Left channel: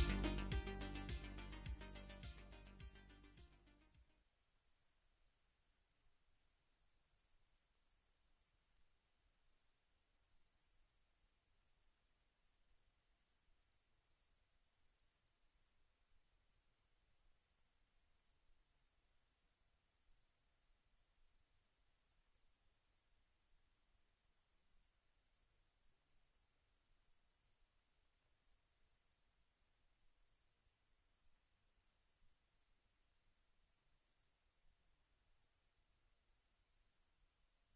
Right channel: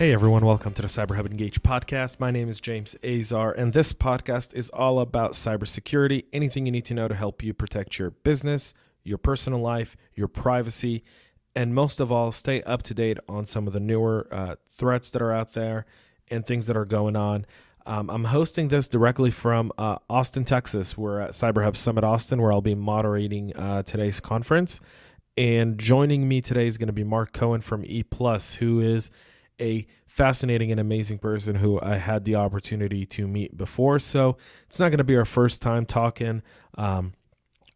Hey everyone, welcome to the CyberHub Engage podcast. My name is James Azar, and this podcast is all about cybersecurity, anything you need to know to help you protect your business, your personal life, your privacy, and most of all, stay up to date on some of the newer threats that are out there and things that are going on. I'm hosting this directly from Austin, Texas. We're at CyberHub Summit Austin, where I'll be moderating today's conference. And joining me today is going to be Marc Cohen from E+, who is a fascinating and amazing person who I had the opportunity to meet before. So it's not going to be our first time talking.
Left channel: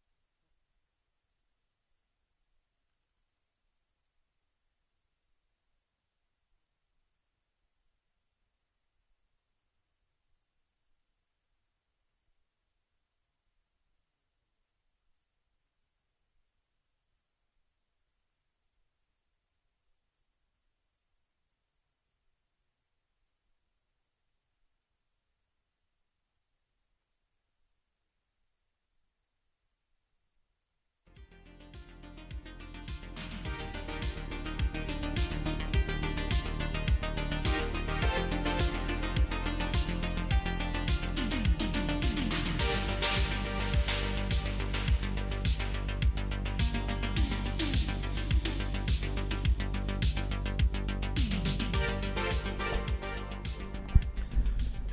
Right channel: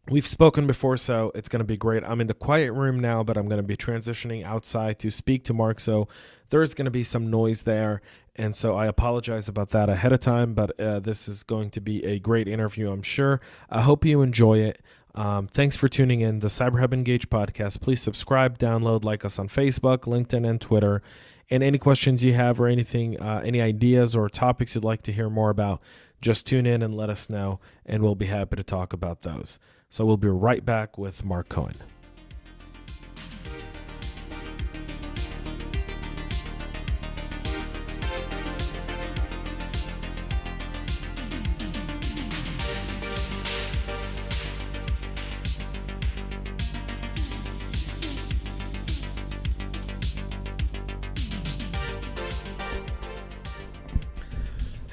We've spoken before, so it's going to be great. I'm in the quiet room now, but I'm going to be transitioning outside to speak to Marc. So there's going to be some noise there. And so I apologize about that ahead of time, but this is going to be a great interview, I'm sure. I hope you enjoy it. Thanks for tuning in. The CyberHub Engage podcast. Please subscribe, download, like us on Facebook, LinkedIn, and Twitter. And any questions you have or anything, any ideas or topics you'd like to hear more about, just tune in and let us know, and we'll be happy to talk about those. So we'll be right back with Marc Cohen.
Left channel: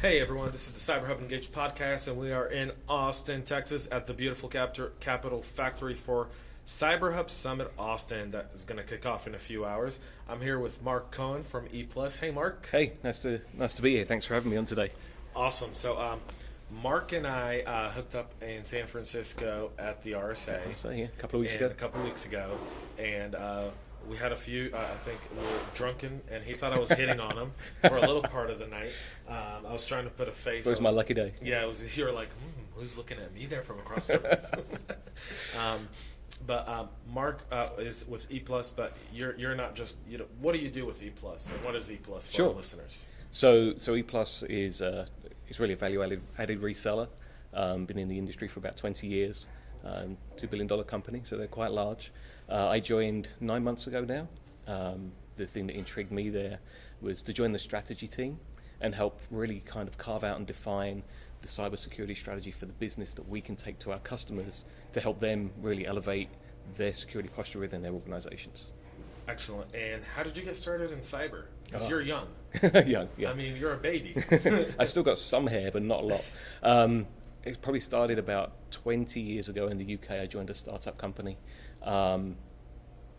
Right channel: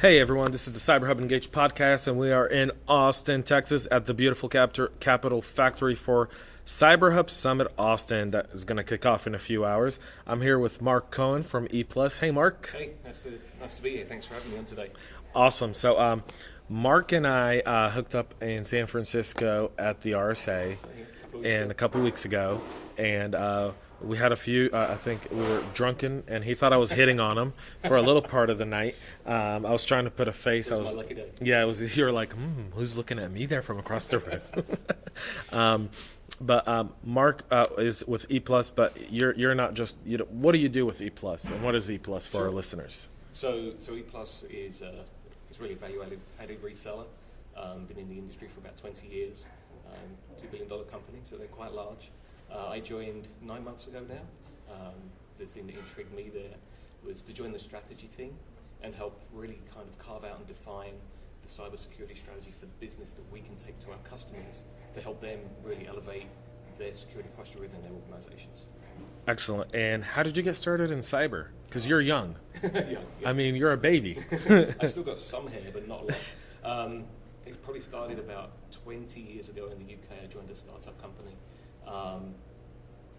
Hey everyone, this is the CyberHub Engage podcast, and we are in Austin, Texas at the beautiful capital factory for CyberHub Summit Austin that is going to kick off in a few hours. I'm here with Marc Cohen from E+. Hey Marc. Hey, nice to be here. Thanks for having me on today. Awesome. So Marc and I hooked up in San Francisco at the RSA a couple of weeks ago, and we had a few, I think we were drunken, and he thought I was hitting on him for a little part of the night. I was trying to put a face. It was my lucky day. Yeah, it was. You were like, who's looking at me there from across the room? But Marc is with E+, but you're not just, what do you do with E+, and what is E+, for our listeners? So E+ is really a value-added reseller. Been in the industry for about 20 years. $2 billion company, so they're quite large. I joined 9 months ago now. The thing that intrigued me there was to join the strategy team and help really kind of carve out and define the cybersecurity strategy for the business that we can take to our customers to help them really elevate their security posture within their organizations. Excellent. And how did you get started in cyber? Because you're young. Young, yeah. I mean, you're a baby. I still got some hair, but not a lot. It probably started about 20 years ago in the UK. I joined a startup company. I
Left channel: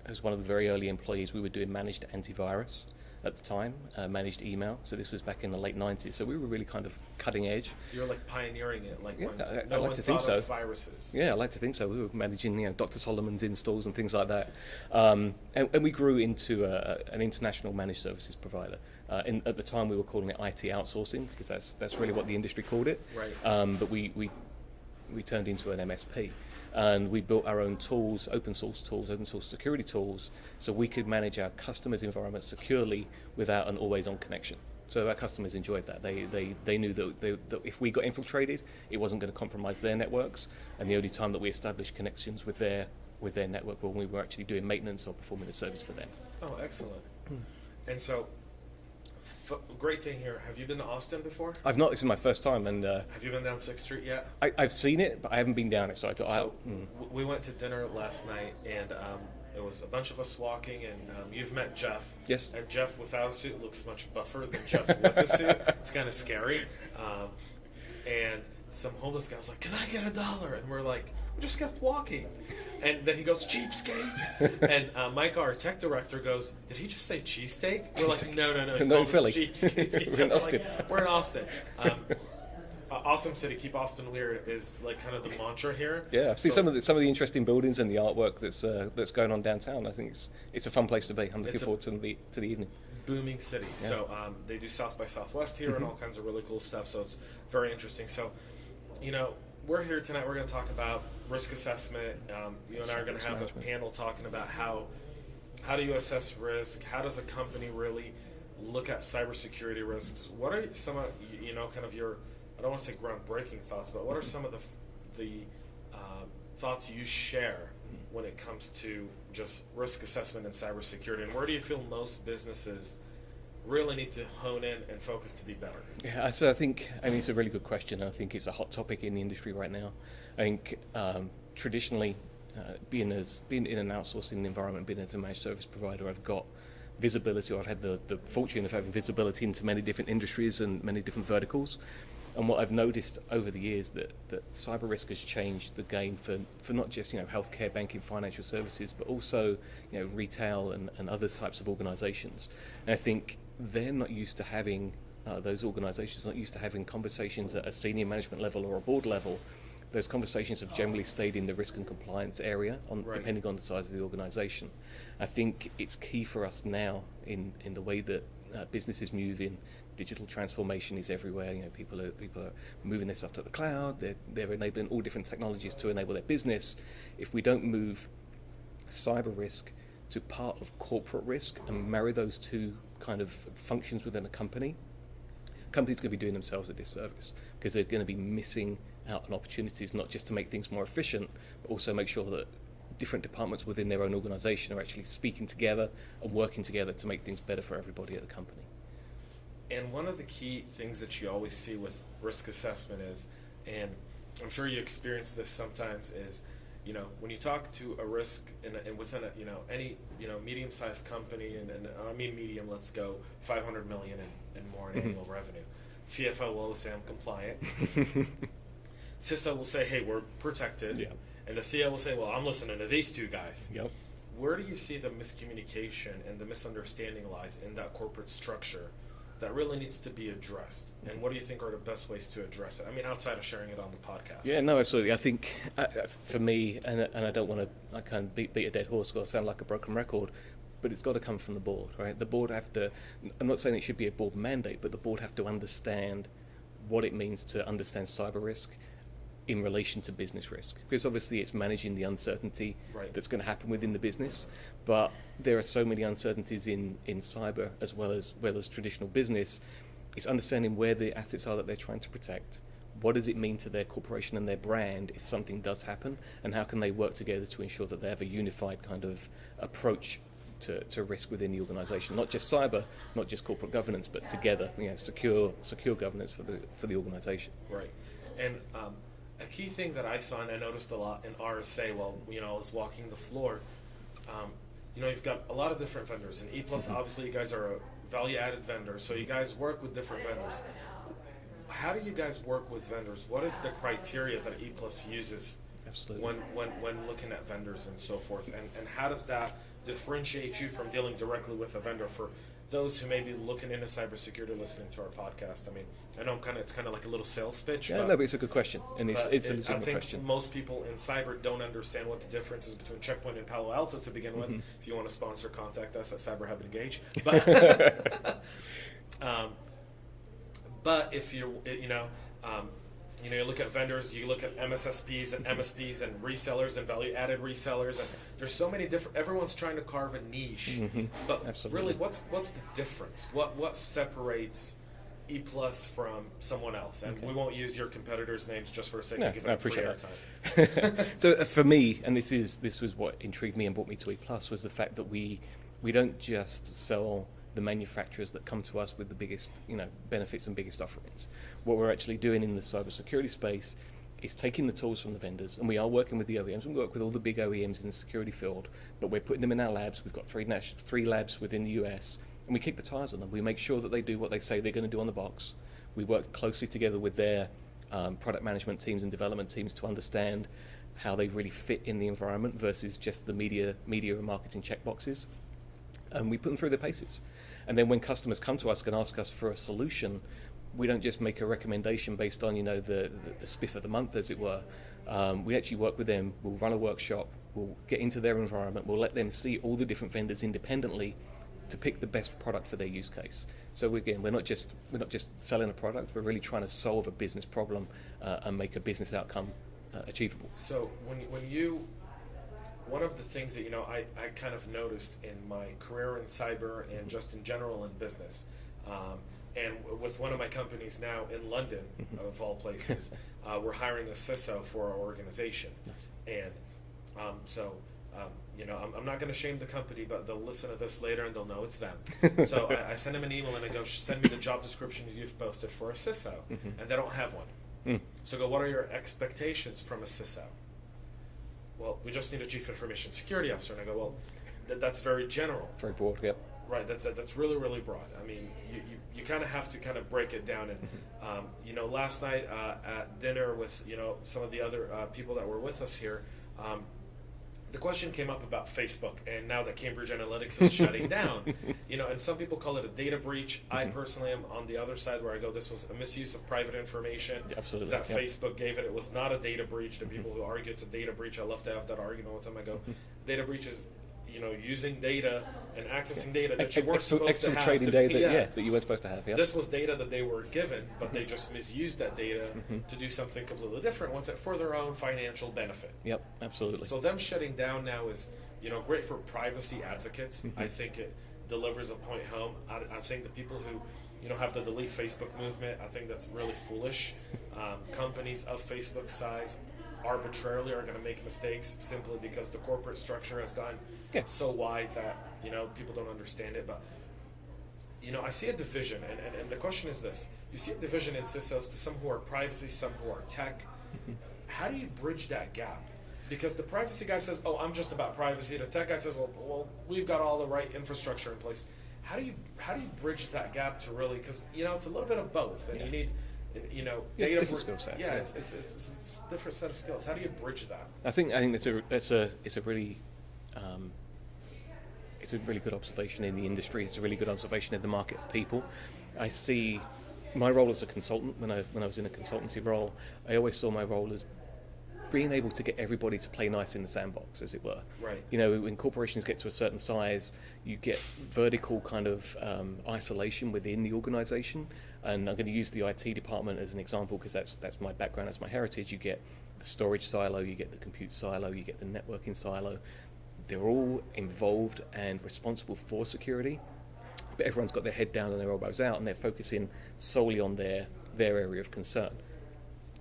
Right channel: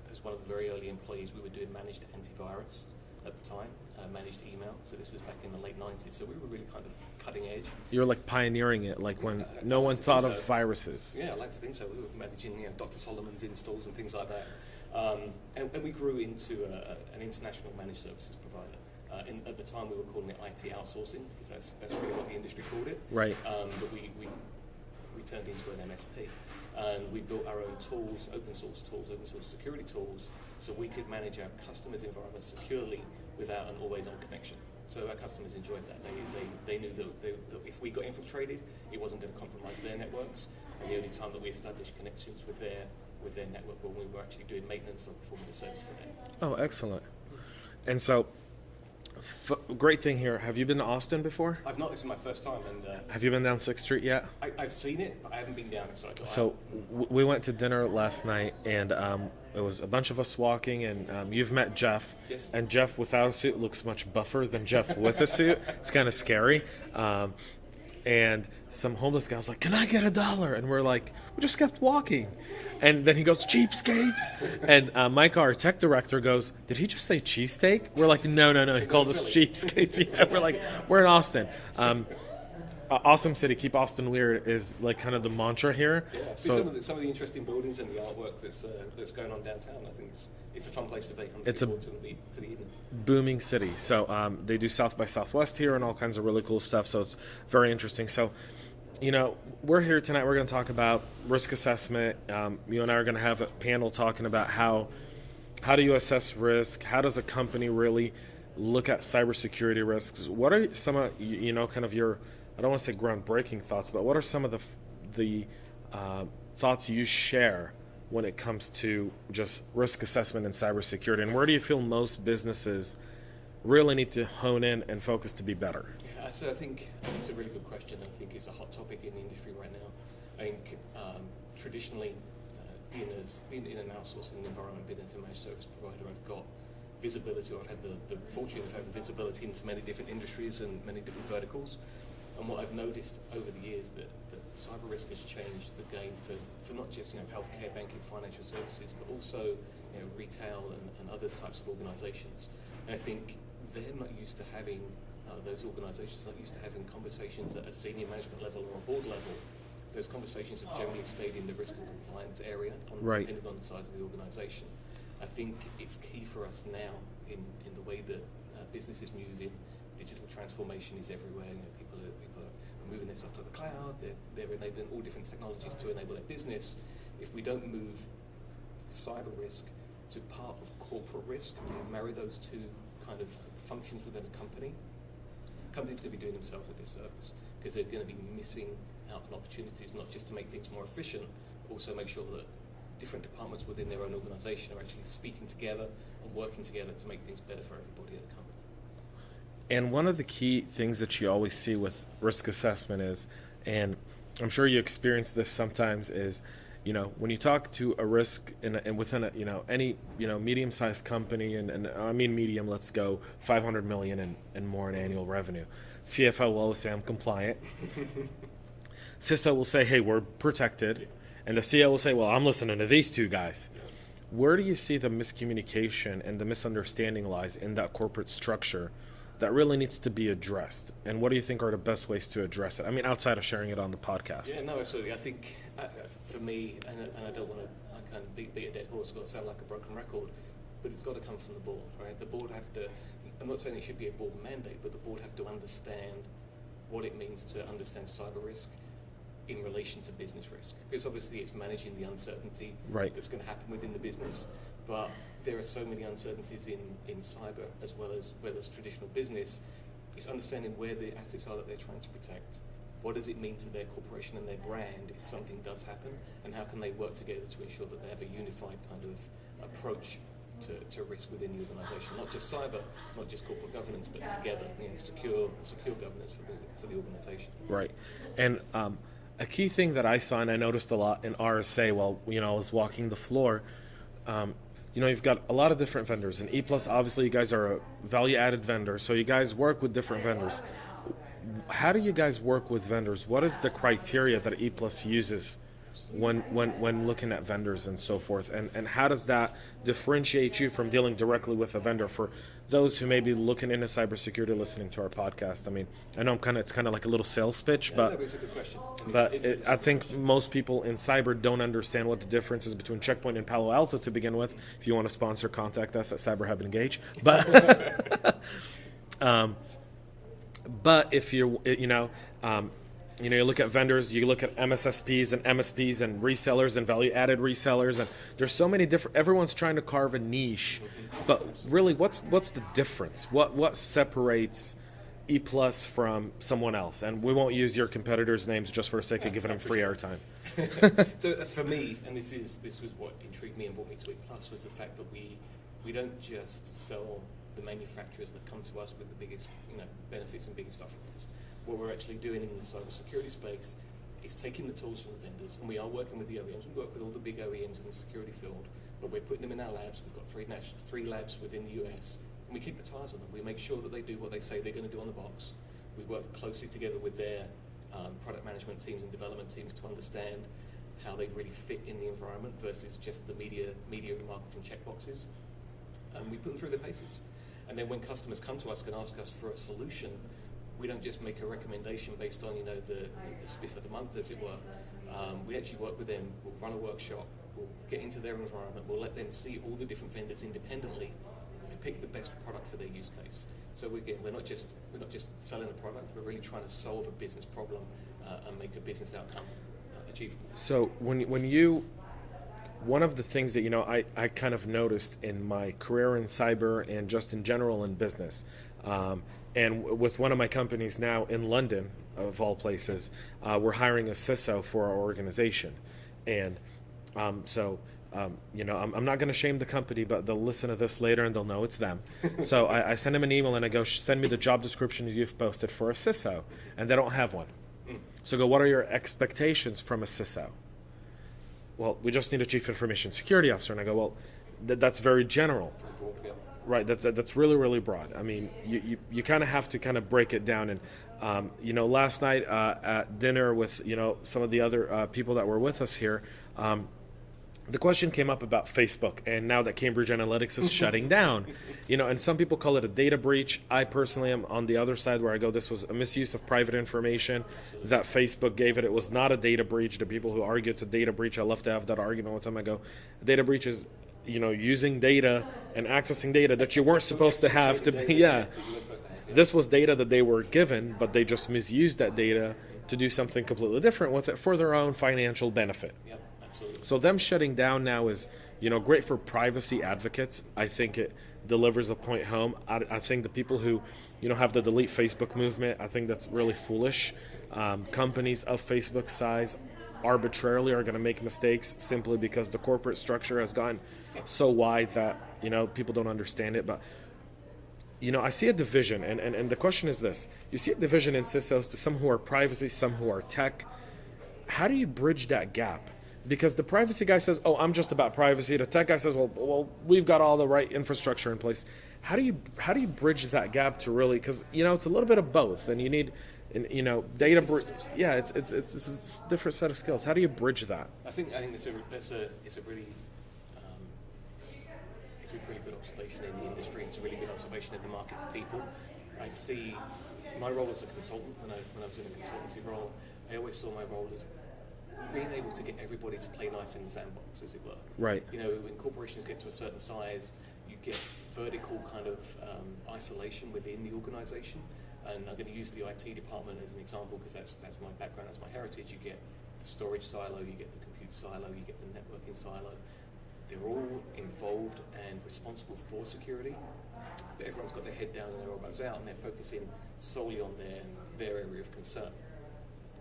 was one of the very early employees. We were doing managed antivirus at the time, managed email. So this was back in the late 90s. So we were really kind of cutting edge. You were like pioneering it, like when no one thought of viruses. Yeah, I like to think so. We were managing, Dr. Solomon's installs and things like that. And we grew into an international managed services provider. At the time, we were calling it IT outsourcing because that's really what the industry called it. Right. But we turned into an MSP. And we built our own tools, open source security tools, so we could manage our customers' environments securely without an always-on connection. So our customers enjoyed that. They knew that if we got infiltrated, it wasn't going to compromise their networks. And the only time that we established connections with their network was when we were actually doing maintenance or performing a service for them. Oh, excellent. And so, great thing here. Have you been to Austin before? I've not. This is my first time. And have you been down 6th Street yet? I've seen it, but I haven't been down it. So we went to dinner last night, and it was a bunch of us walking, and you've met Jeff. Yes. And Jeff without a suit looks much buffer than Jeff with a suit. It's kind of scary. And some homeless guy was like, "Can I get $1?" And we're like, we just kept walking. And then he goes, "Cheapskates." And Mike, our tech director, goes, "Did he just say cheesesteak?" We're like, no. He called us cheapskates. Yeah, we're like, we're in Austin. Awesome city. Keep Austin weird is like kind of the mantra here. Yeah, I've seen some of the interesting buildings and the artwork that's going on downtown. I think it's a fun place to be. I'm looking forward to the evening. Booming city. Yeah. So they do South by Southwest here and all kinds of really cool stuff. So it's very interesting. So, we're here tonight. We're going to talk about risk assessment. You and I are going to have a panel talking about how do you assess risk? How does a company really look at cybersecurity risks? What are some of kind of your, I don't want to say groundbreaking thoughts, but what are some of the thoughts you share when it comes to just risk assessment and cybersecurity? And where do you feel most businesses really need to hone in and focus to be better? Yeah, so I think, it's a really good question. I think it's a hot topic in the industry right now. I think traditionally, being in an outsourcing environment, being as a managed service provider, I've got visibility, or I've had the fortune of having visibility into many different industries and many different verticals. And what I've noticed over the years that cyber risk has changed the game for not just healthcare, banking, financial services, but also retail and other types of organisations. And I think they're not used to having those organisations not used to having conversations at a senior management level or a board level. Those conversations have generally stayed in the risk and compliance area, depending on the size of the organisation. I think it's key for us now in the way that businesses move in. Digital transformation is everywhere. People are moving their stuff to the cloud. They're enabling all different technologies to enable their business. If we don't move cyber risk to part of corporate risk and marry those two kind of functions within a company, companies are going to be doing themselves a disservice, because they're going to be missing out on opportunities, not just to make things more efficient, but also make sure that different departments within their own organisation are actually speaking together and working together to make things better for everybody at the company. And one of the key things that you always see with risk assessment is, and I'm sure you experience this sometimes, is when you talk to a risk and within any medium-sized company, and I mean medium, let's go 500 million and more in annual revenue. CFO will always say, I'm compliant. CISO will say, hey, we're protected. Yeah. And the CEO will say, well, I'm listening to these two guys. Yep. Where do you see the miscommunication and the misunderstanding lies in that corporate structure that really needs to be addressed? And what do you think are the best ways to address it? I mean, outside of sharing it on the podcast. Yeah, no, absolutely. I think for me, and I don't want to kind of beat a dead horse or sound like a broken record, but it's got to come from the board, right? The board have to, I'm not saying it should be a board mandate, but the board have to understand what it means to understand cyber risk in relation to business risk, because obviously it's managing the uncertainty that's going to happen within the business, but there are so many uncertainties in cyber as well as traditional business. It's understanding where the assets are that they're trying to protect, what does it mean to their corporation and their brand if something does happen, and how can they work together to ensure that they have a unified kind of approach to risk within the organisation, not just cyber, not just corporate governance, but together, secure governance for the organisation. Right, and a key thing that I saw and I noticed a lot in RSA while I was walking the floor, you've got a lot of different vendors. And E+, obviously, you guys are a value-added vendor, so you guys work with different vendors. How do you guys work with vendors? What is the criteria that E+ uses when looking at vendors and so forth? And how does that differentiate you from dealing directly with a vendor? For those who may be looking into cybersecurity, listening to our podcast, I mean, I know it's kind of like a little sales pitch, but it's a good question. And I think most people in cyber don't understand what the difference is between Checkpoint and Palo Alto to begin with. Mm-hmm. If you want to sponsor, contact us at CyberHub Engage. But but if you look at vendors, you look at MSSPs and MSPs and resellers and value-added resellers, and there's so many different. Everyone's trying to carve a niche, but really, what's the difference? What separates E+ from someone else? And we won't use your competitors' names just for the sake of giving them free airtime. So for me, and this was what intrigued me and brought me to E+, was the fact that we don't just sell the manufacturers that come to us with the biggest benefits and biggest offerings. What we're actually doing in the cybersecurity space is taking the tools from the vendors, and we are working with the OEMs. We work with all the big OEMs in the security field, but we're putting them in our labs. We've got three labs within the US, and we kick the tires on them. We make sure that they do what they say they're going to do on the box. We work closely together with their product management teams and development teams to understand how they really fit in the environment versus just the media and marketing checkboxes. And we put them through their paces. And then when customers come to us and ask us for a solution, we don't just make a recommendation based on the spiff of the month, as it were. We actually work with them. We'll run a workshop. We'll get into their environment. We'll let them see all the different vendors independently to pick the best product for their use case. So we're not just selling a product. We're really trying to solve a business problem and make a business outcome achievable. So one of the things that I kind of noticed in my career in cyber and just in general in business, and with one of my companies now in London, of all places, we're hiring a CISO for our organization. And so I'm not going to shame the company, but they'll listen to this later and they'll know it's them. So I send them an email and I go, send me the job description you've posted for a CISO, and they don't have one. So I go, what are your expectations from a CISO? Well, we just need a chief information security officer. And I go, well, that's very general. Very broad, yep. Right, that's really, really broad. I mean, you kind of have to kind of break it down. And, last night at dinner with, some of the other people that were with us here, the question came up about Facebook, and now that Cambridge Analytics is shutting down, and some people call it a data breach. I personally am on the other side where I go, this was a misuse of private information that Facebook gave it. It was not a data breach. The people who argue it's a data breach, I love to have that argument with them. I go, data breach is using data and accessing data that you weren't supposed to have to be. That you weren't supposed to have. Yeah. This was data that they were given, but they just misused that data to do something completely different with it for their own financial benefit. Yep, absolutely. So them shutting down now is, great for privacy advocates. I think it delivers a point home. I think the people who, have the delete Facebook movement, I think that's really foolish. Companies of Facebook size arbitrarily are going to make mistakes simply because the corporate structure has gone so wide that people don't understand it. But I see a division, and the question is this: you see a division in CISOs to some who are privacy, some who are tech. How do you bridge that gap? Because the privacy guy says, "Oh, I'm just about privacy." The tech guy says, "Well, we've got all the right infrastructure in place." How do you bridge that gap to really? Because it's a little bit of both, and you need. Data. It's a different set of skills. How do you bridge that? I think it's a really good observation in the industry. It's a really good observation in the market for people. I see my role as a consultant when I was in a consultancy role. I always saw my role as being able to get everybody to play nice in the sandbox, as it were. Right. When corporations get to a certain size, you get vertical kind of isolation within the organization. And I'm going to use the IT department as an example because that's my background, that's my heritage. You get the storage silo, you get the compute silo, you get the networking silo. They're all involved and responsible for security, but everyone's got their head down and their elbows out, and they're focusing solely on their area of concern.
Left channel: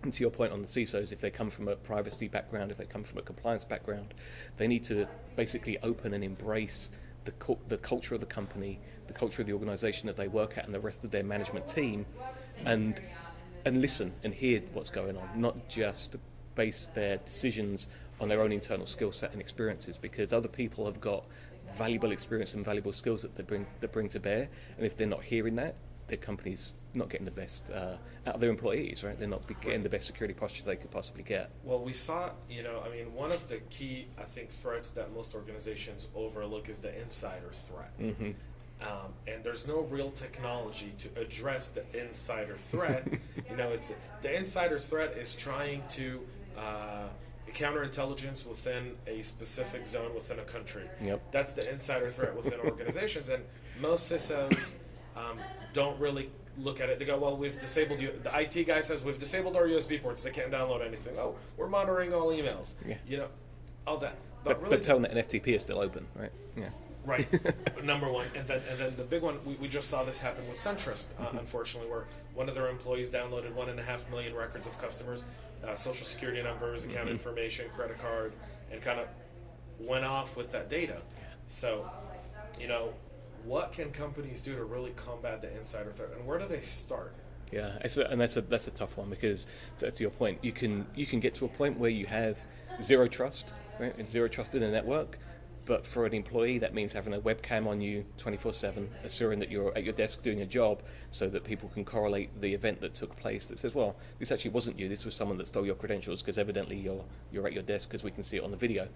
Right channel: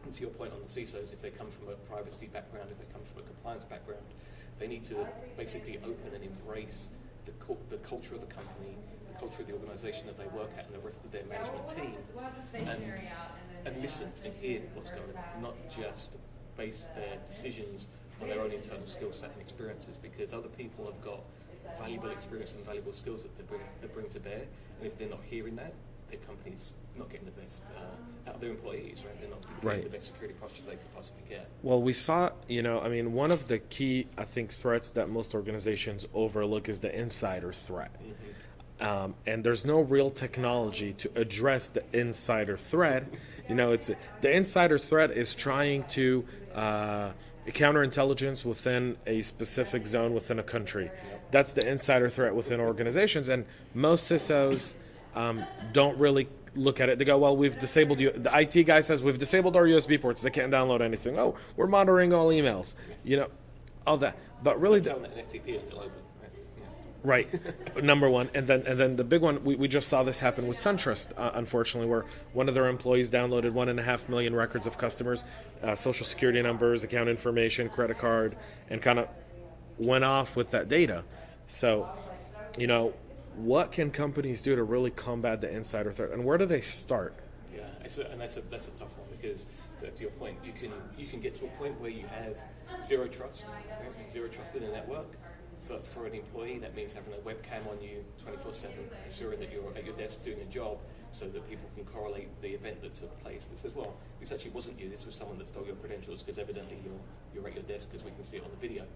And to your point on the CISOs, if they come from a privacy background, if they come from a compliance background, they need to basically open and embrace the culture of the company, the culture of the organization that they work at, and the rest of their management team, and listen and hear what's going on, not just base their decisions on their own internal skill set and experiences, because other people have got valuable experience and valuable skills that they bring to bear, and if they're not hearing that, their company's not getting the best out of their employees, right? They're not getting the best security posture they could possibly get. Well, we saw, one of the key, I think, threats that most organizations overlook is the insider threat. And there's no real technology to address the insider threat. The insider threat is trying to counterintelligence within a specific zone within a country. Yep. That's the insider threat within organizations, and most CISOs don't really look at it. They go, well, we've disabled you. The IT guy says we've disabled our USB ports. They can't download anything. Oh, we're monitoring all emails. Yeah. All that. But really, tell them that an FTP is still open, right? Yeah. Right. Number one, and then the big one. We just saw this happen with SunTrust, unfortunately, where one of their employees downloaded 1.5 million records of customers, social security numbers, account information, credit card, and kind of went off with that data. So, what can companies do to really combat the insider threat, and where do they start? Yeah, and that's a tough one, because to your point, you can get to a point where you have zero trust, right? And zero trust in a network. But for an employee, that means having a webcam on you 24/7, assuring that you're at your desk doing your job, so that people can correlate the event that took place that says, well, this actually wasn't you, this was someone that stole your credentials, because evidently you're at your desk because we can see it on the video.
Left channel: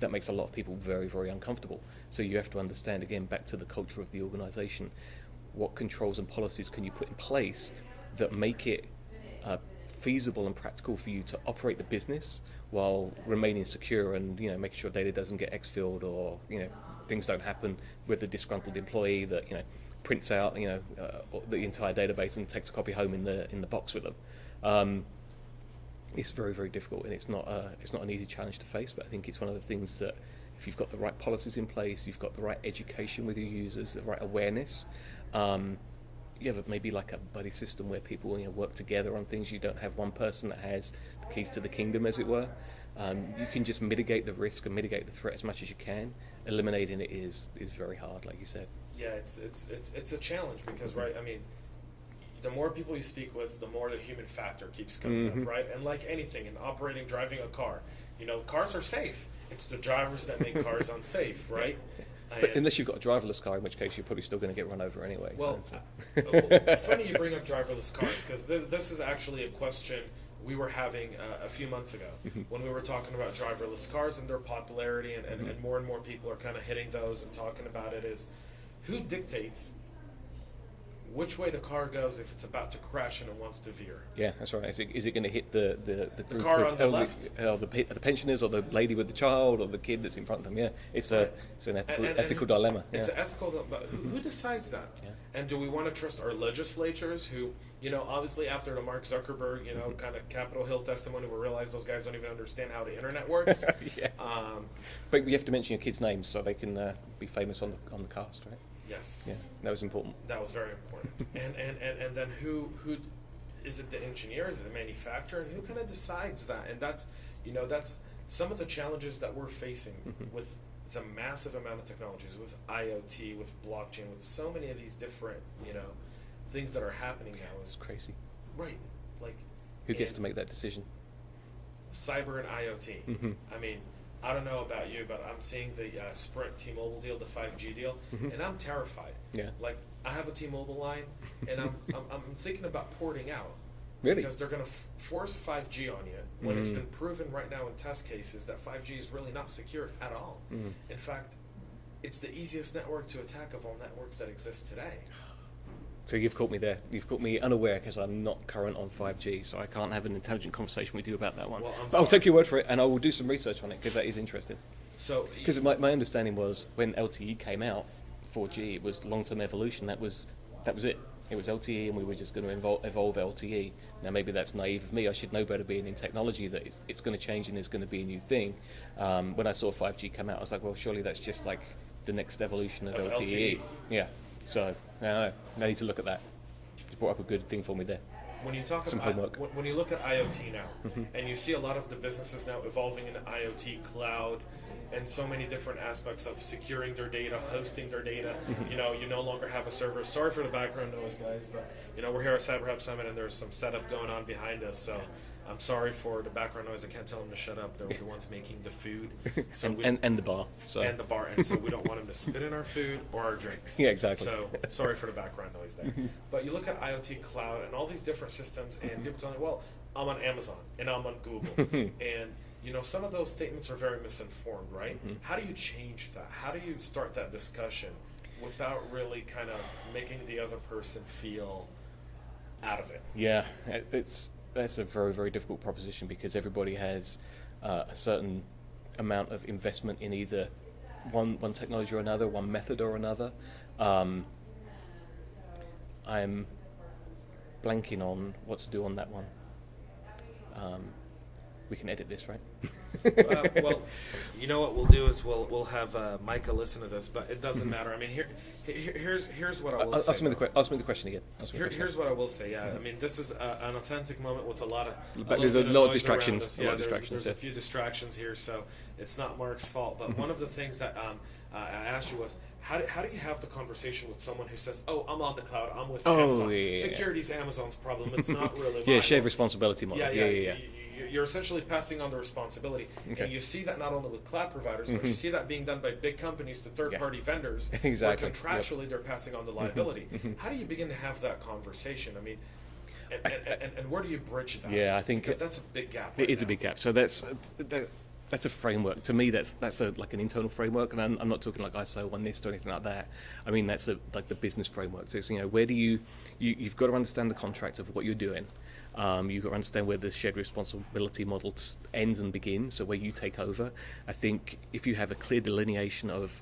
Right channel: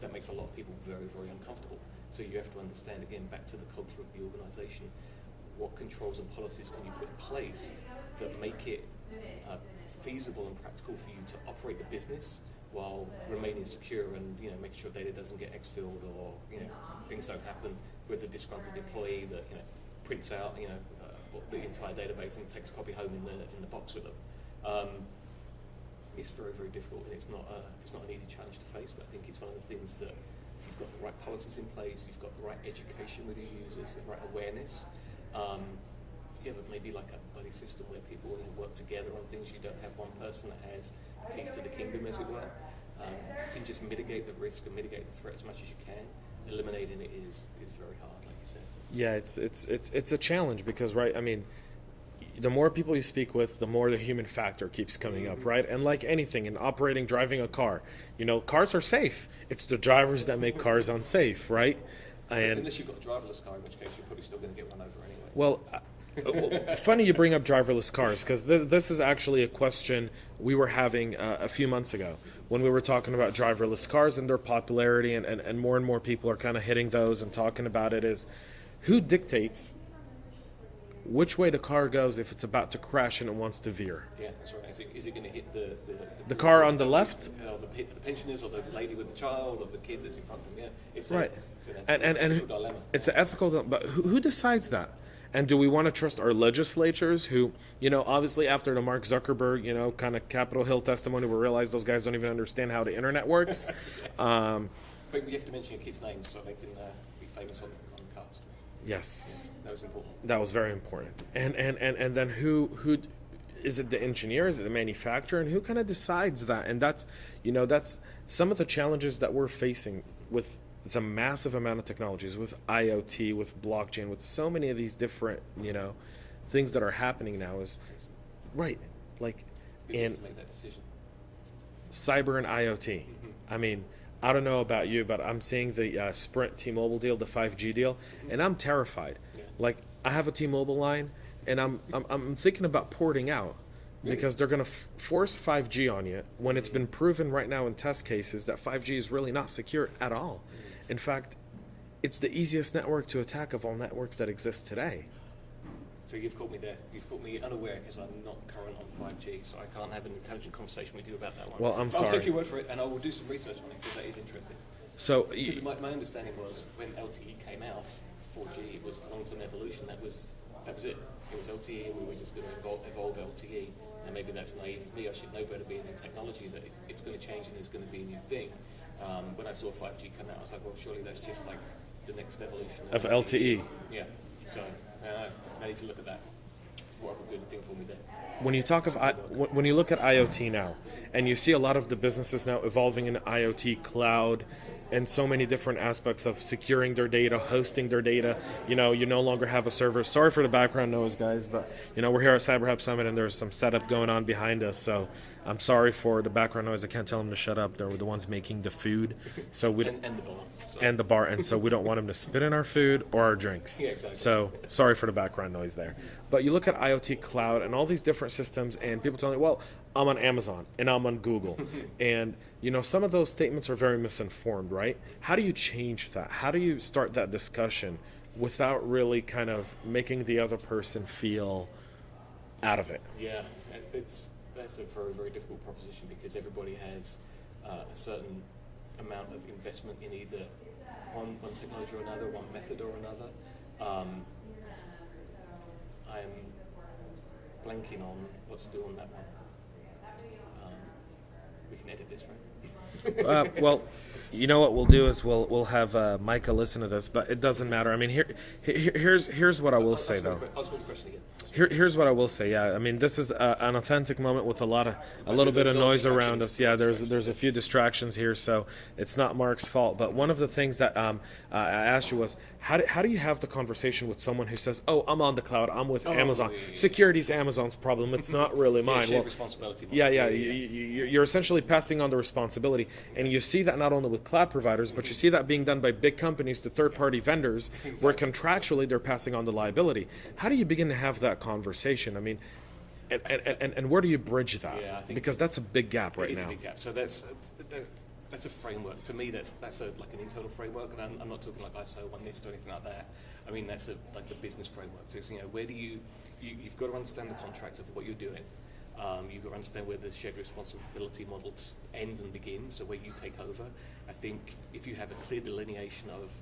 That makes a lot of people very, very uncomfortable. So you have to understand, again, back to the culture of the organization, what controls and policies can you put in place that make it feasible and practical for you to operate the business while remaining secure, and making sure data doesn't get exfilled, or things don't happen with a disgruntled employee that prints out the entire database and takes a copy home in the box with them. It's very, very difficult, and it's not an easy challenge to face. But I think it's one of the things that, if you've got the right policies in place, you've got the right education with your users, the right awareness. You have maybe like a buddy system where people work together on things. You don't have one person that has the keys to the kingdom, as it were. You can just mitigate the risk and mitigate the threat as much as you can. Eliminating it is very hard, like you said. Yeah, it's a challenge because, right, I mean, the more people you speak with, the more the human factor keeps coming up, right? And like anything in driving a car, cars are safe. It's the drivers that make cars unsafe, right? But unless you've got a driverless car, in which case you're probably still going to get run over anyway. Well, funny you bring up driverless cars, because this is actually a question we were having a few months ago when we were talking about driverless cars and their popularity, and more people are kind of hitting those and talking about it, is who dictates which way the car goes if it's about to crash and it wants to veer? Yeah, that's right. Is it going to hit the car on the left? Or the pensioners, or the lady with the child, or the kid that's in front of them? Yeah, it's right. It's an ethical dilemma. It's an ethical, but who decides that? Yeah. And do we want to trust our legislatures who, obviously after the Mark Zuckerberg, kind of Capitol Hill testimony, we realized those guys don't even understand how the internet works. Yeah. But you have to mention your kids' names so they can be famous on the cast, right? Yes. Yeah, that was important. That was very important. And then who is it, the engineer, is it the manufacturer, and who kind of decides that? And that's some of the challenges that we're facing with the massive amount of technologies, with IoT, with blockchain, with so many of these different, things that are happening now is crazy. Right. Like, who gets to make that decision? Cyber and IoT. I mean, I don't know about you, but I'm seeing the Sprint T-Mobile deal, the 5G deal, and I'm terrified. Yeah. Like, I have a T-Mobile line, and I'm thinking about porting out. Really? Because they're going to force 5G on you when it's been proven right now in test cases that 5G is really not secure at all. In fact, it's the easiest network to attack of all networks that exist today. So you've caught me there. You've caught me unaware because I'm not current on 5G, so I can't have an intelligent conversation with you about that one. Well, I'll take your word for it, and I will do some research on it because that is interesting. So, because my understanding was when LTE came out, 4G, it was long-term evolution. That was it. It was LTE, and we were just going to evolve LTE. Now, maybe that's naive of me. I should know better, being in technology, that it's going to change and it's going to be a new thing. When I saw 5G come out, I was like, well, surely that's just like the next evolution of LTE. Yeah. So, I need to look at that. You brought up a good thing for me there. When you talk about when you look at IoT now, and you see a lot of the businesses now evolving in IoT, cloud, and so many different aspects of securing their data, hosting their data. You no longer have a server. Sorry for the background noise, guys, but we're here at CyberHub Summit, and there's some setup going on behind us. So I'm sorry for the background noise. I can't tell them to shut up. They're the ones making the food. So and the bar. So. And the bar, and so we don't want them to spit in our food or our drinks. Yeah, exactly. So sorry for the background noise there. But you look at IoT, cloud, and all these different systems, and people telling you, well, I'm on Amazon and I'm on Google, and some of those statements are very misinformed, right? How do you change that? How do you start that discussion without really kind of making the other person feel out of it? Yeah, that's a very, very difficult proposition because everybody has a certain amount of investment in either one technology or another, one method or another. I'm blanking on what to do on that one. We can edit this, right? Well, you know what we'll do is we'll have Micah listen to this, but it doesn't matter. I mean, here's what I will say. I'll submit the question again. Here's what I will say. Yeah, I mean, this is an authentic moment with a little bit of noise around us. Yeah, there's a few distractions here, so it's not Mark's fault. But one of the things that I asked you was, how do you have the conversation with someone who says, "Oh, I'm on the cloud, I'm with Amazon. Yeah. Security's Amazon's problem. It's not really mine." Yeah, shared responsibility model. Yeah. You're essentially passing on the responsibility, and you see that not only with cloud providers, but you see that being done by big companies to third-party vendors, where contractually they're passing on the liability. How do you begin to have that conversation? I mean, and where do you bridge that? Yeah, I think because that's a big gap. Right it is now. a big gap. So that's a framework. To me, that's like an internal framework, and I'm not talking like ISO 1 NIST or anything like that. I mean, that's like the business framework. So it's, where do you've got to understand the contract of what you're doing. You've got to understand where the shared responsibility model ends and begins, so where you take over. I think if you have a clear delineation of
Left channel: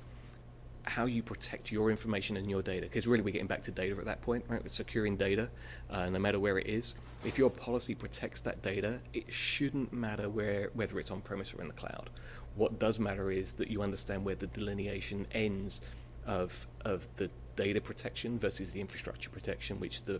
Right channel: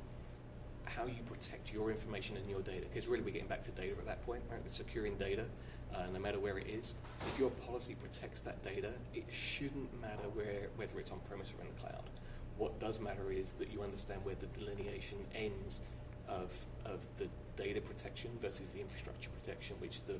how you protect your information and your data, because really we're getting back to data at that point, right? We're securing data, no matter where it is. If your policy protects that data, it shouldn't matter whether it's on premise or in the cloud. What does matter is that you understand where the delineation ends of the data protection versus the infrastructure protection, which the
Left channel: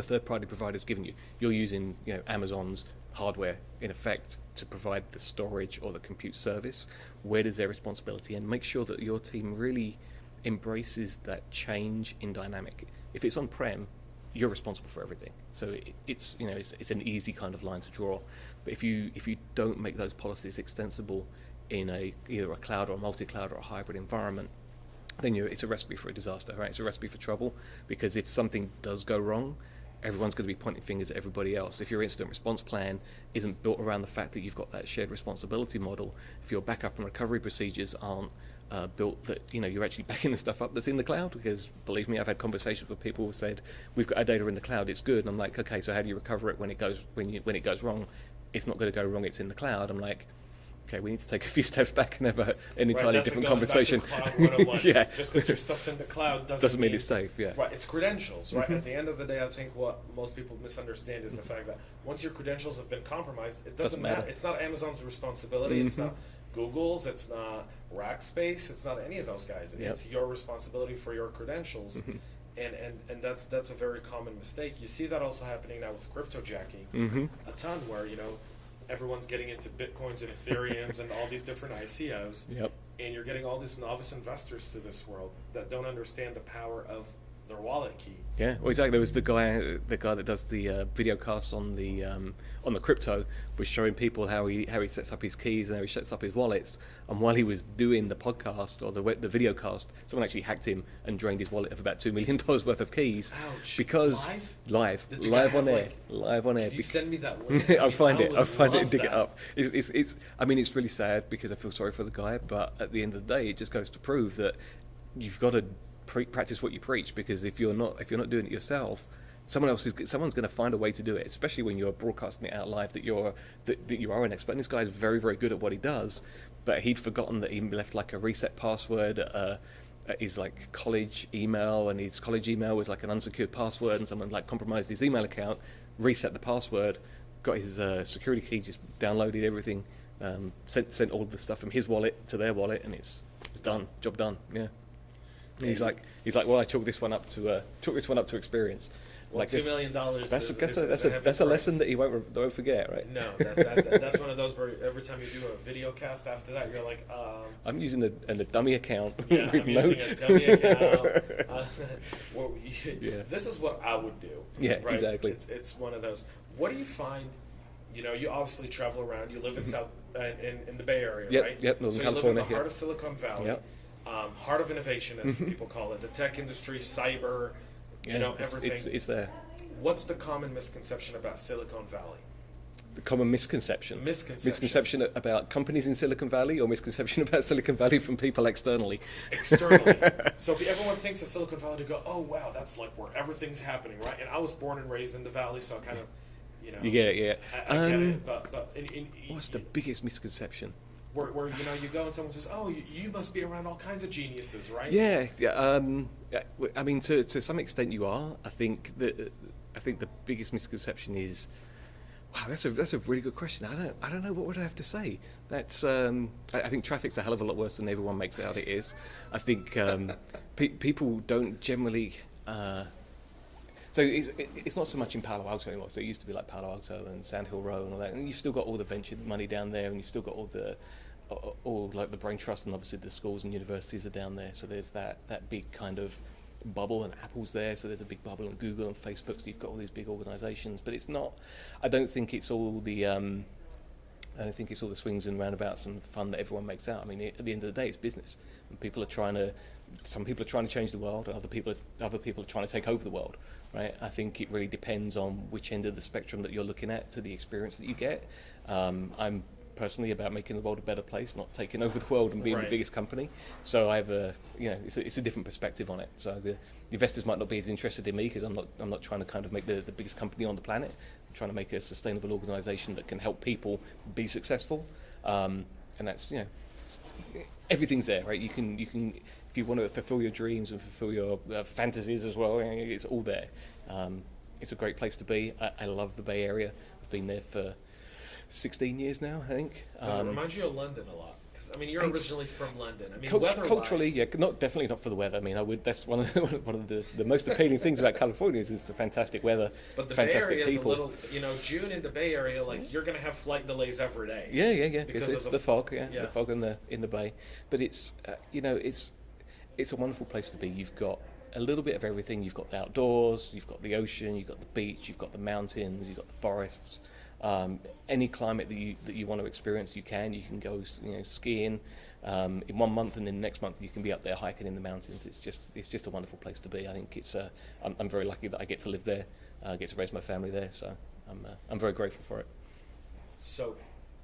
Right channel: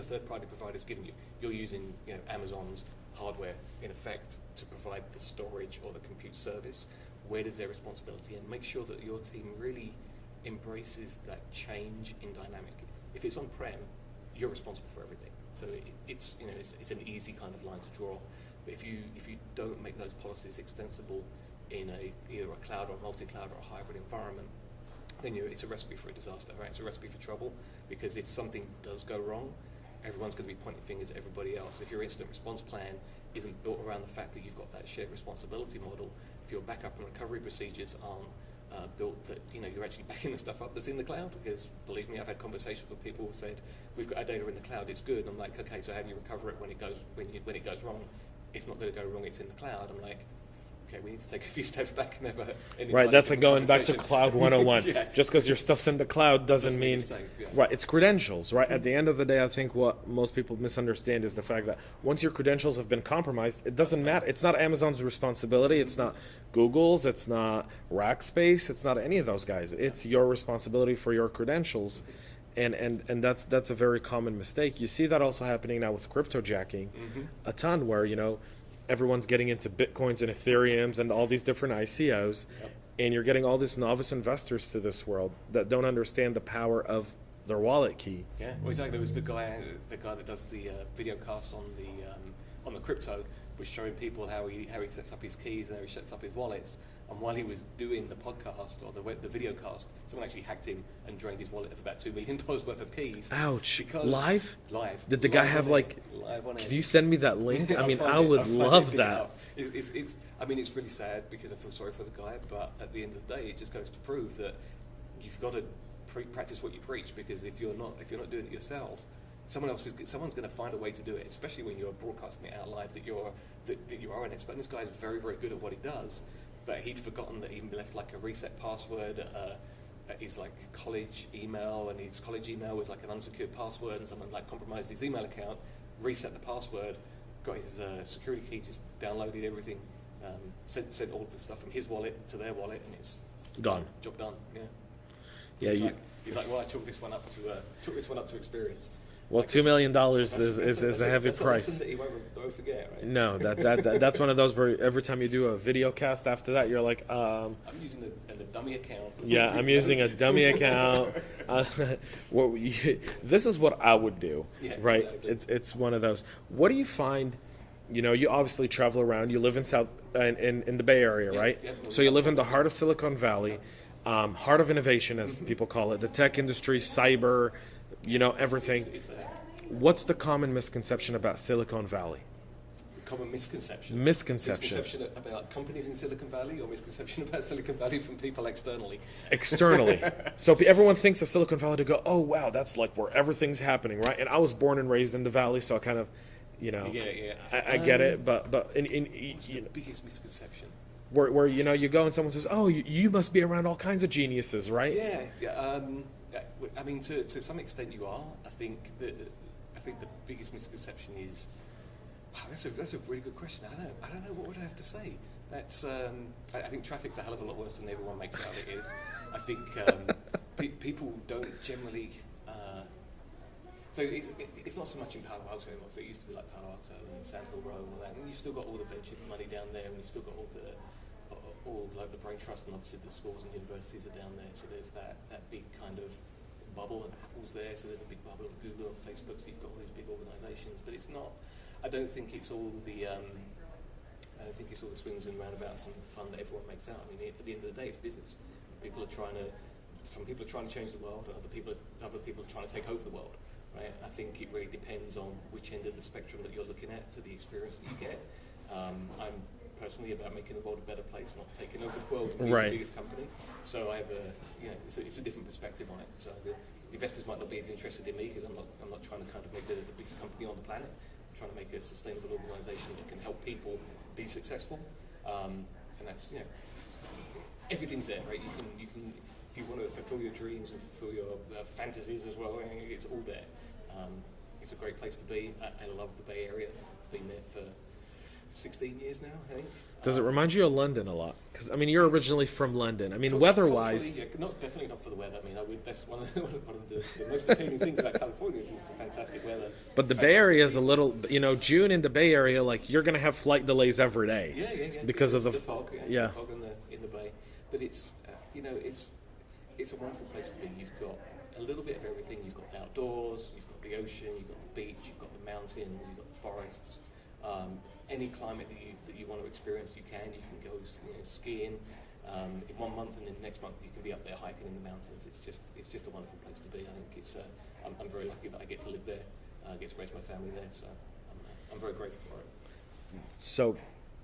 third-party provider's given you. You're using Amazon's hardware, in effect, to provide the storage or the compute service, where does their responsibility end? Make sure that your team really embraces that change in dynamic. If it's on-prem, you're responsible for everything. So it's an easy kind of line to draw. But if you don't make those policies extensible in either a cloud or a multi-cloud or a hybrid environment, then it's a recipe for a disaster, right? It's a recipe for trouble, because if something does go wrong, everyone's going to be pointing fingers at everybody else. If your incident response plan isn't built around the fact that you've got that shared responsibility model, if your backup and recovery procedures aren't built that you're actually backing the stuff up that's in the cloud, because believe me, I've had conversations with people who said, we've got our data in the cloud, it's good. And I'm like, okay, so how do you recover it when it goes wrong? It's not going to go wrong, it's in the cloud. I'm like, okay, we need to take a few steps back and have an entirely that's different like going conversation. back to Cloud 101. Yeah. Just because your stuff's in the cloud doesn't mean it's safe. Yeah. Right, it's credentials, right? At the end of the day, I think what most people misunderstand is the fact that once your credentials have been compromised, it doesn't matter. It's not Amazon's responsibility. It's not Google's. It's not Rackspace. It's not any of those guys. It's your responsibility for your credentials. And that's a very common mistake. You see that also happening now with cryptojacking a ton, where everyone's getting into Bitcoins and Ethereums and all these different ICOs, and you're getting all these novice investors to this world that don't understand the power of their wallet key. Yeah, well, exactly. There was the guy that does the video casts on the crypto, was showing people how he sets up his keys and how he sets up his wallets. And while he was doing the podcast or the video cast, someone actually hacked him and drained his wallet of about $2 million worth of keys. Ouch! Because live. Did the live guy have live on air? Can you send me that link? I would love that. It's really sad, because I feel sorry for the guy, but at the end of the day, it just goes to prove that you've got to practice what you preach, because if you're not doing it yourself, someone's going to find a way to do it, especially when you're broadcasting it out live that you are an expert. And this guy is very, very good at what he does, but he'd forgotten that he left like a reset password at his like college email, and his college email was like an unsecured password, and someone like compromised his email account, reset the password, got his security key, just downloaded everything, sent all of the stuff from his wallet to their wallet, and it's done. Job done. Yeah. He's like, well, I took this one up to experience. Well, like $2 million is a heavy price. That's a lesson that you won't forget, right? No, that's one of those where every time you do a video cast after that, you're like, I'm using a dummy account. Yeah, I'm using a dummy account. This is what I would do. Yeah, right. Exactly. It's one of those. What do you find? You obviously travel around. You live in in the Bay Area, right? Yep. So you live in the heart of Silicon Valley, heart of innovation, as people call it, the tech industry, cyber. Everything. It's there. What's the common misconception about Silicon Valley? The common misconception. Misconception about companies in Silicon Valley, or misconception about Silicon Valley from people externally? Externally. So everyone thinks of Silicon Valley to go, oh, wow, that's like where everything's happening, right? And I was born and raised in the Valley, so I kind of, You get it, yeah. I get it, but what's the biggest misconception? Where you go and someone says, oh, you must be around all kinds of geniuses, right? Yeah. I mean, to some extent you are. I think the biggest misconception is, wow, that's a really good question. I don't know, what would I have to say. That's I think traffic's a hell of a lot worse than everyone makes out it is. I think people don't generally. So it's not so much in Palo Alto anymore. So it used to be like Palo Alto and Sand Hill Row and all that. And you've still got all the venture money down there, and you've still got all like the brain trust, and obviously the schools and universities are down there. So there's that big kind of bubble, and Apple's there. So there's a big bubble, and Google and Facebook. So you've got all these big organisations, but it's not. I don't think it's all the swings and roundabouts and fun that everyone makes out. I mean, at the end of the day, it's business. And some people are trying to change the world, and other people are trying to take over the world. Right? I think it really depends on which end of the spectrum that you're looking at to the experience that you get. I'm personally about making the world a better place, not taking over the world and being the biggest company. So I have it's a different perspective on it. So the investors might not be as interested in me, because I'm not trying to kind of make the biggest company on the planet. I'm trying to make a sustainable organisation that can help people be successful. And that's everything's there, right? You can. If you want to fulfill your dreams and fulfill your fantasies as well, it's all there. It's a great place to be. I love the Bay Area. I've been there for 16 years now, I think. Does it remind you of London a lot? Because I mean, you're originally from London. I mean, Culturally, weather-wise, yeah, definitely not for the weather. I mean, that's one of the most appealing things about California is the fantastic weather. but the Bay Area is a little, June in the Bay Area, like you're gonna have flight delays every day. Yeah. Because of the fog, yeah. The fog in the bay. But it's it's a wonderful place to be. You've got a little bit of everything. You've got the outdoors, you've got the ocean, you've got the beach, you've got the mountains, you've got the forests. Any climate that you want to experience, you can. You can go, skiing in 1 month, and then next month you can be up there hiking in the mountains. It's just a wonderful place to be. I think I'm very lucky that I get to live there. I get to raise my family there, so I'm very grateful for it. So,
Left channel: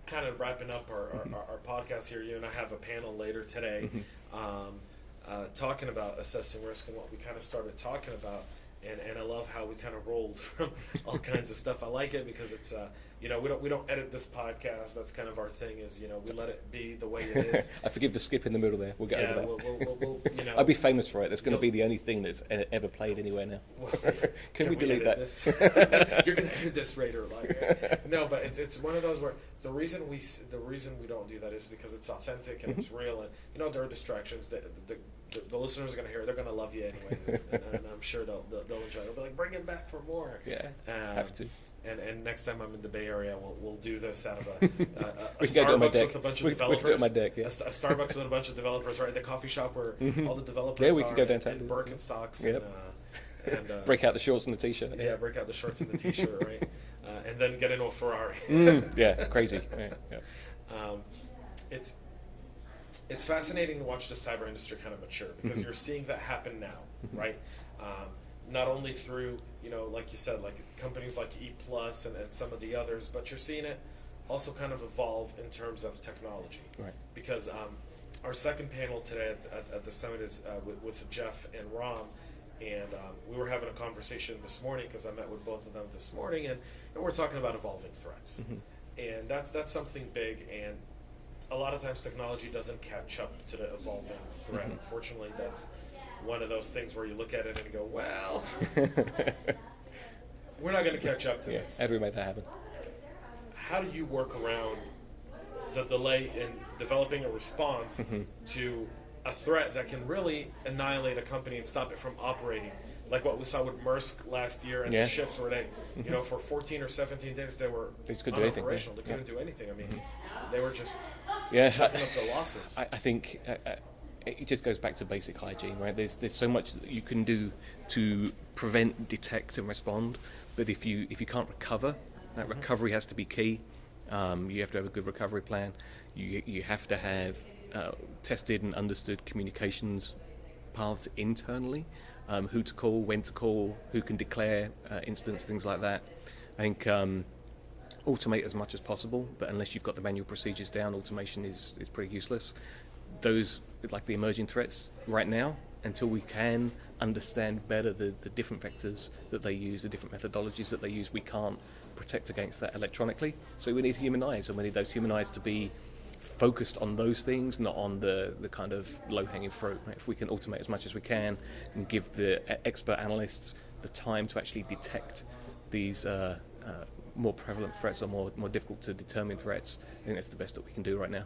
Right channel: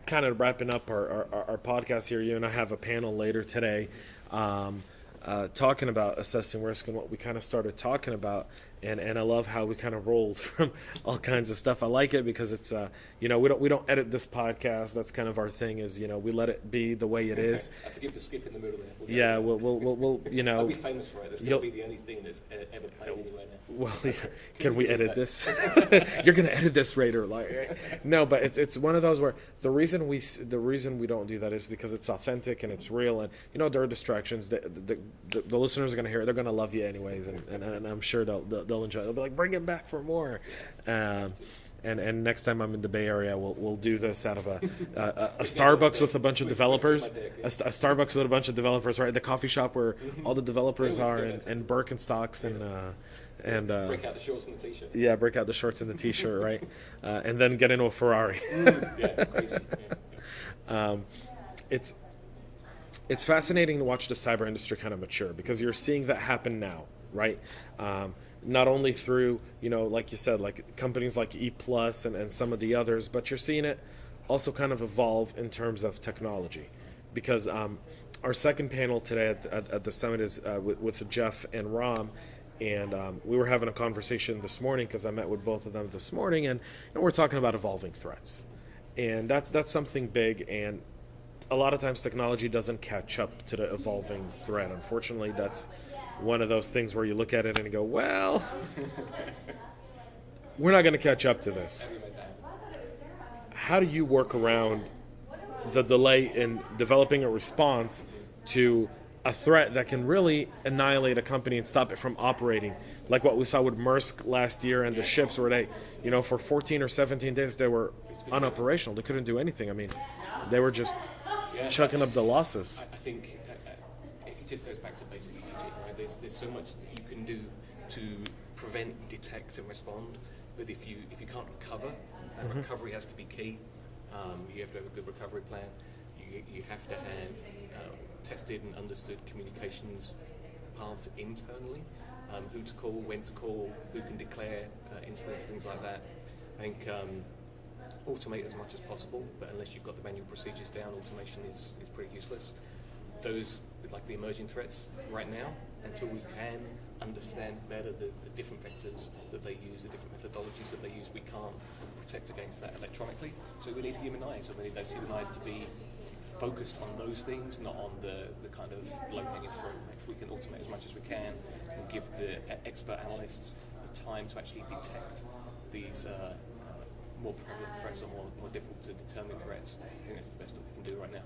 kind of wrapping up our podcast here, you and I have a panel later today, talking about assessing risk and what we kind of started talking about. And I love how we kind of rolled from all kinds of stuff. I like it because it's we don't edit this podcast. That's kind of our thing. Is we let it be the way it is. I forgive the skip in the middle there. We'll I'll be famous for it. That's going to be the only thing that's ever played anywhere now. Well, can we edit this? You're going to edit this, Raider. No, but it's one of those where the reason we don't do that is because it's authentic and it's real, and there are distractions. The listeners are going to hear it. They're going to love you anyways, and I'm sure they'll enjoy it. They'll be like, bring it back for more. Yeah, have to. And next time I'm in the Bay Area, we'll do this out of a Starbucks with a bunch of developers. A Starbucks with a bunch of developers, right? The coffee shop where all the developers are, and Birkenstocks, and break out the shorts and the t-shirt. Yeah, break out the shorts and the t-shirt, right? And then get into a Ferrari. Yeah, crazy. Yeah. It's fascinating to watch the cyber industry kind of mature because you're seeing that happen now, right? Not only through, like you said, like companies like E+ and some of the others, but you're seeing it also kind of evolve in terms of technology. Right. Because our second panel today at the summit is with Jeff and Ram, and we were having a conversation this morning because I met with both of them this morning, and we're talking about evolving threats. And that's something big, and a lot of times technology doesn't catch up to the evolving threat. Unfortunately, that's one of those things where you look at it and you go, well, we're not going to catch up to this. How do we make that happen? How do you work around the delay in developing a response to a threat that can really annihilate a company and stop it from operating? Like what we saw with Maersk last year and the ships where they, for 14 or 17 days, they were unoperational. They couldn't do anything. I mean, they were just chucking up the losses. I think it just goes back to basic hygiene, right? There's so much that you can do to prevent, detect, and respond. But if you can't recover, that recovery has to be key. You have to have a good recovery plan. You have to have tested and understood communications paths internally. Who to call, when to call, who can declare incidents, things like that. I think automate as much as possible, but unless you've got the manual procedures down, automation is pretty useless. Those, like the emerging threats right now, until we can understand better the different vectors that they use, the different methodologies that they use, we can't protect against that electronically. So we need human eyes, and we need those human eyes to be focused on those things, not on the kind of low-hanging fruit. If we can automate as much as we can and give the expert analysts the time to actually detect these more prevalent threats or more difficult to determine threats, I think that's the best that we can do right now.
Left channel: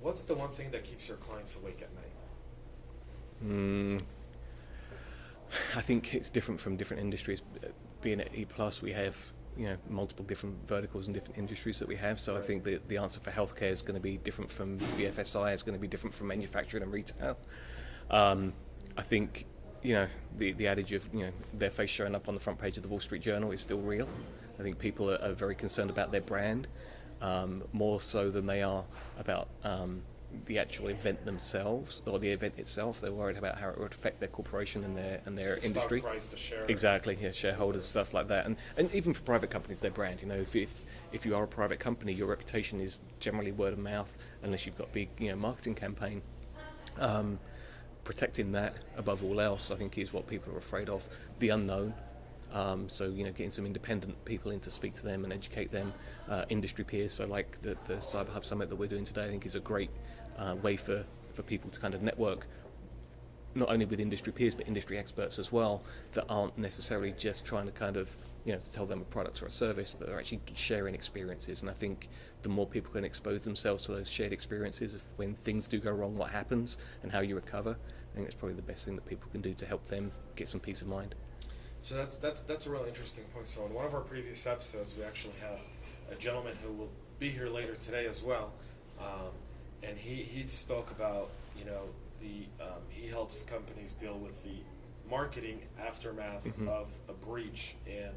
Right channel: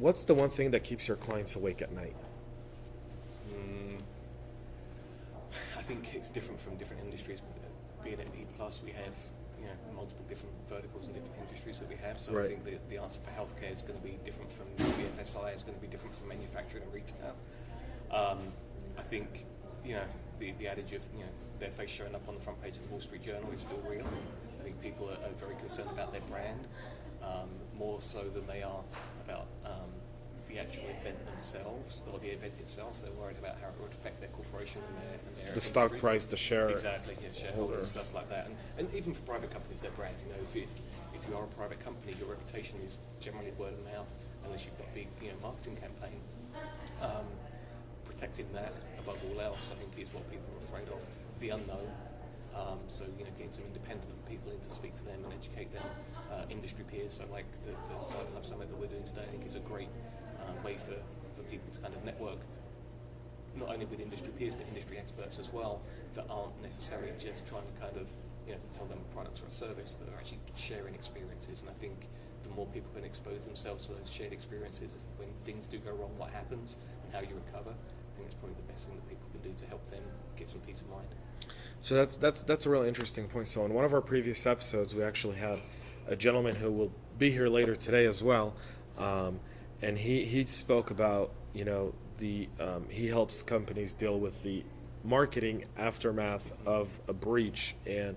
What's the one thing that keeps your clients awake at night? I think it's different from different industries. Being at E+, we have multiple different verticals and different industries that we have. So I think the answer for healthcare is going to be different from BFSI. It's going to be different from manufacturing and retail. I think the adage of their face showing up on the front page of the Wall Street Journal is still real. I think people are very concerned about their brand, more so than they are about the actual event themselves or the event itself. They're worried about how it would affect their corporation and their industry. Stock price, the share. Exactly, shareholders, stuff like that. And even for private companies, their brand. If you are a private company, your reputation is generally word of mouth, unless you've got big marketing campaign. Protecting that above all else, I think, is what people are afraid of. The unknown. So getting some independent people in to speak to them and educate them. Industry peers, so like the CyberHub Summit that we're doing today, I think is a great way for people to kind of network, not only with industry peers but industry experts as well, that aren't necessarily just trying to kind of to tell them a product or a service, that are actually sharing experiences. And I think the more people can expose themselves to those shared experiences of when things do go wrong, what happens, and how you recover, I think that's probably the best thing that people can do to help them get some peace of mind. So that's a really interesting point. So in one of our previous episodes, we actually had a gentleman who will be here later today as well, and he spoke about he helps companies deal with the marketing aftermath of a breach. And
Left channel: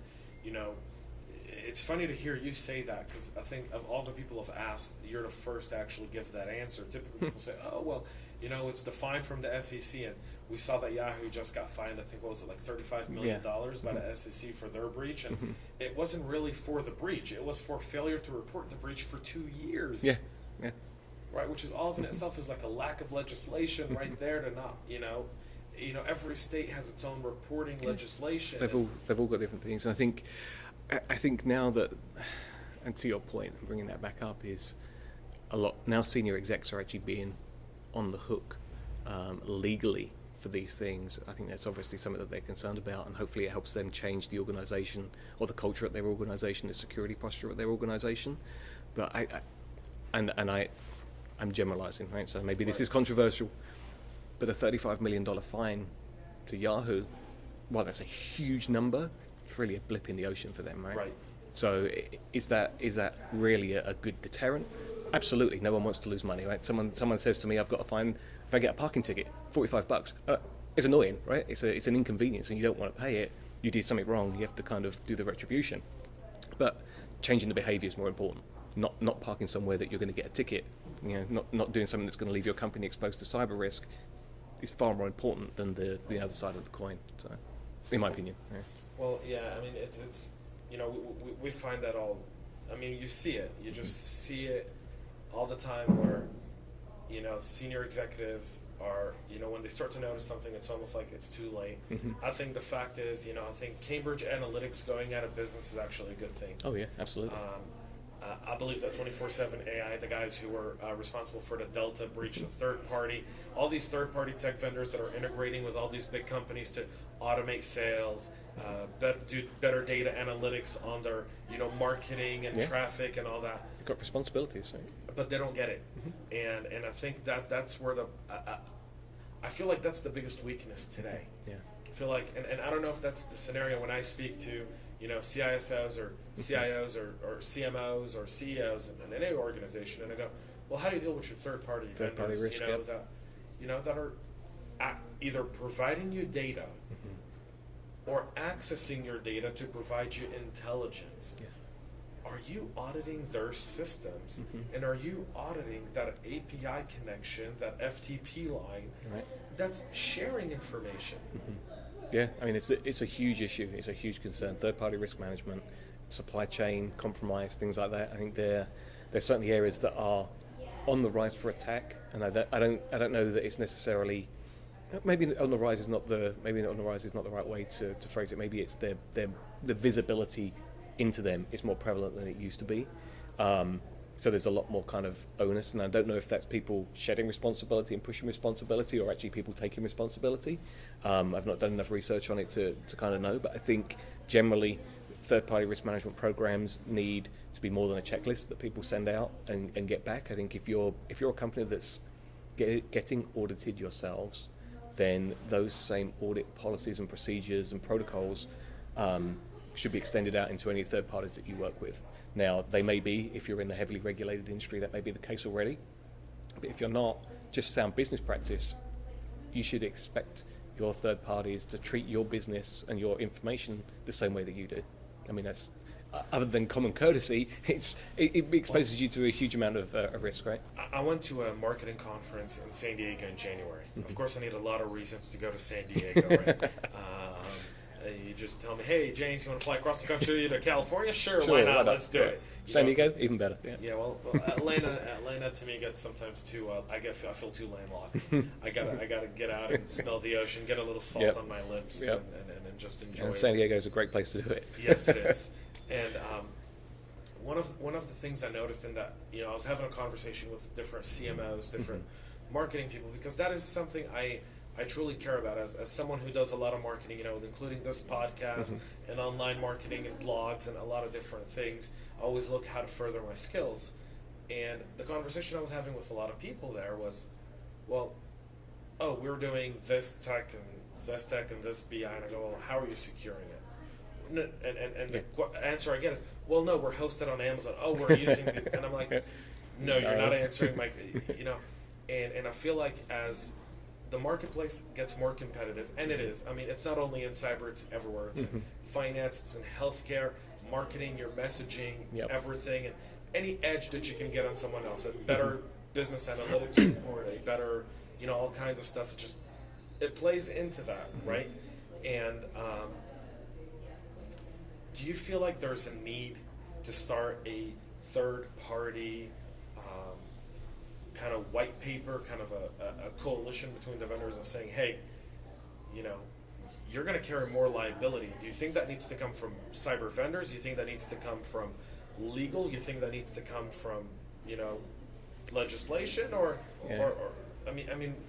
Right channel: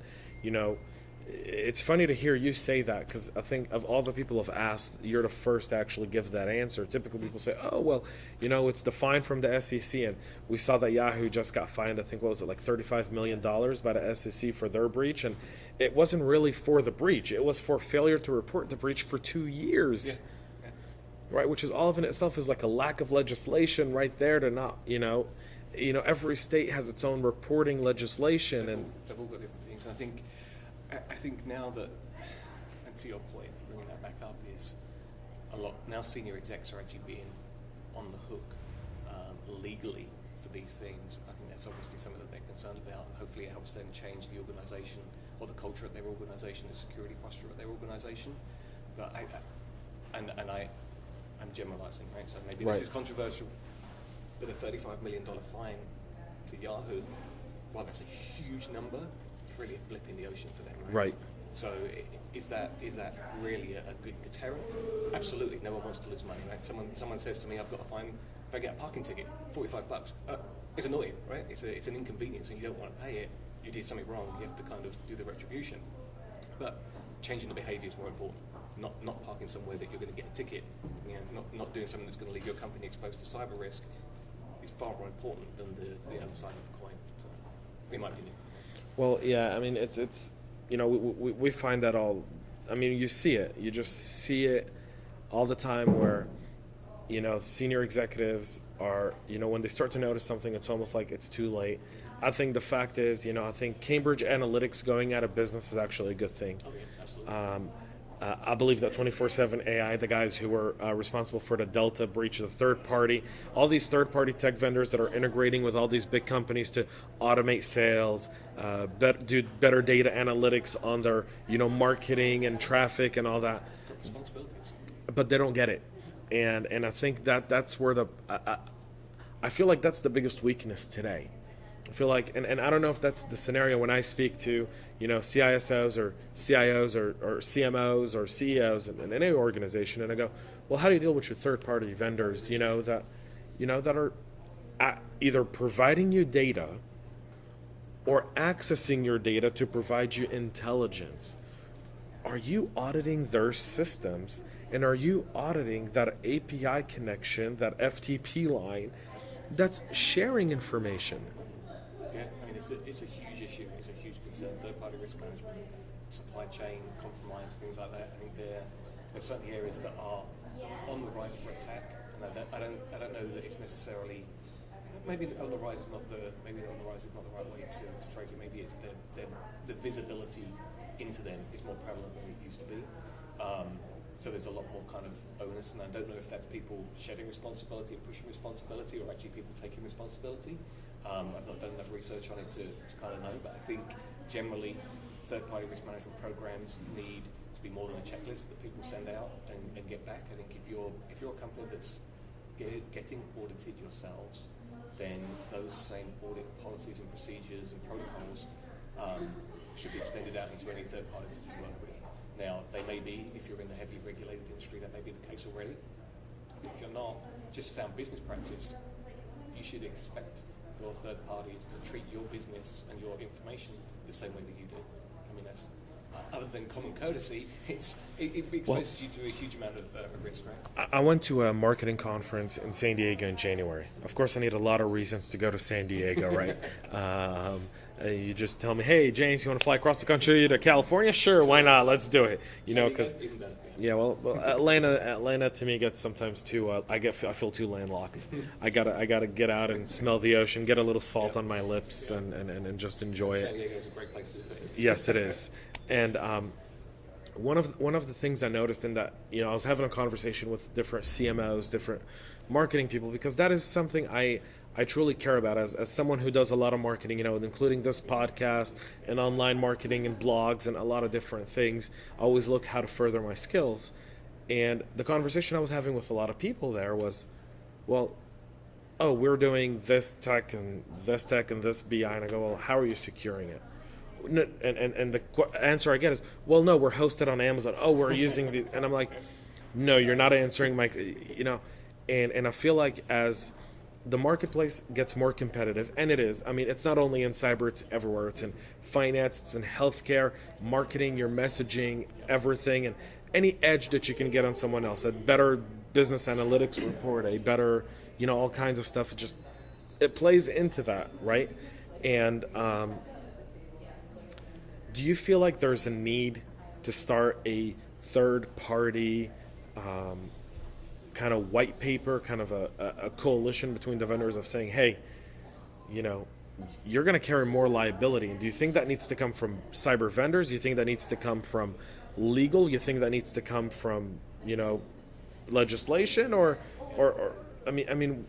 it's funny to hear you say that, because I think of all the people have asked, you're the first to actually give that answer. Typically people say, oh, well, it's the fine from the SEC, and we saw that Yahoo just got fined, I think, what was it, like $35 million by the SEC for their breach, and it wasn't really for the breach. It was for failure to report the breach for 2 years. Yeah. Right, which is all of in itself is like a lack of legislation right there to not, every state has its own reporting legislation. They've all got different things. And I think now that, and to your point, bringing that back up, is a lot, now senior execs are actually being on the hook legally for these things. I think that's obviously something that they're concerned about, and hopefully it helps them change the organization or the culture at their organization, the security posture at their organization. But I'm generalizing, right? So maybe this is controversial, but a $35 million fine to Yahoo, while that's a huge number, it's really a blip in the ocean for them, right? Right. So is that really a good deterrent? Absolutely. No one wants to lose money, right? Someone says to me, I've got to fine, if I get a parking ticket, $45. It's annoying, right? It's an inconvenience, and you don't want to pay it. You did something wrong. You have to kind of do the retribution. But changing the behavior is more important. Not parking somewhere that you're going to get a ticket. Not doing something that's going to leave your company exposed to cyber risk is far more important than the other side of the coin. So, in my opinion. Yeah. Well, yeah, I mean, it's we find that all. I mean, you see it. You just see it all the time where, senior executives are, when they start to notice something, it's almost like it's too late. I think the fact is, I think Cambridge Analytics going out of business is actually a good thing. Oh yeah, absolutely. I believe that 24/7 AI, the guys who were responsible for the Delta breach, the third party, all these third party tech vendors that are integrating with all these big companies to automate sales, do better data analytics on their marketing and traffic and all that. Got responsibilities, right? But they don't get it, and I think that's where I feel like that's the biggest weakness today. I feel like, and I don't know if that's the scenario when I speak to, CISOs or CIOs or CMOs or CEOs in any organization, and I go, well, how do you deal with your third-party vendors, risk, that are either providing you data or accessing your data to provide you intelligence? Are you auditing their systems, and are you auditing that API connection, that FTP line that's sharing information? Yeah, I mean, it's a huge issue. It's a huge concern. Third-party risk management, supply chain compromise, things like that. I think there's certainly areas that are on the rise for attack, and I don't know that it's necessarily. Maybe on the rise is not the right way to phrase it. Maybe it's the visibility into them is more prevalent than it used to be. So there's a lot more kind of onus, and I don't know if that's people shedding responsibility and pushing responsibility, or actually people taking responsibility. I've not done enough research on it to kind of know, but I think generally third-party risk management programs need to be more than a checklist that people send out and get back. I think if you're a company that's getting audited yourselves, then those same audit policies and procedures and protocols should be extended out into any third parties that you work with. Now, they may be, if you're in the heavily regulated industry, that may be the case already. But if you're not, just sound business practice, you should expect your third parties to treat your business and your information the same way that you do. I mean, that's other than common courtesy, it exposes you to a huge amount of risk, right? I went to a marketing conference in San Diego in January. Of course, I need a lot of reasons to go to San Diego, right? You just tell me, hey, James, you want to fly across the country to California? Sure, why not? Let's do it. San Diego, even better. Yeah, well, Atlanta to me gets sometimes too. I feel too landlocked. I gotta get out and smell the ocean, get a little salt on my lips, and just enjoy it. San Diego is a great place to do it. Yes, it is. And one of the things I noticed in that, I was having a conversation with different CMOs, different marketing people, because that is something I I truly care about as someone who does a lot of marketing, including this podcast and online marketing and blogs and a lot of different things. I always look how to further my skills. And the conversation I was having with a lot of people there was, well, oh, we're doing this tech and this BI. And I go, well, how are you securing it? And the answer I get is, well, no, we're hosted on Amazon. Oh, we're using the, and I'm like, no, you're not answering my, and I feel like as the marketplace gets more competitive, and it is. I mean, it's not only in cyber, it's everywhere. It's in finance, it's in healthcare, marketing, your messaging, everything, and any edge that you can get on someone else, a better business analytics report, a better, all kinds of stuff. It plays into that, right? And do you feel like there's a need to start a third-party kind of white paper, kind of a coalition between the vendors of saying, hey, you're going to carry more liability? Do you think that needs to come from cyber vendors? Do you think that needs to come from legal? You think that needs to come from, legislation or I mean,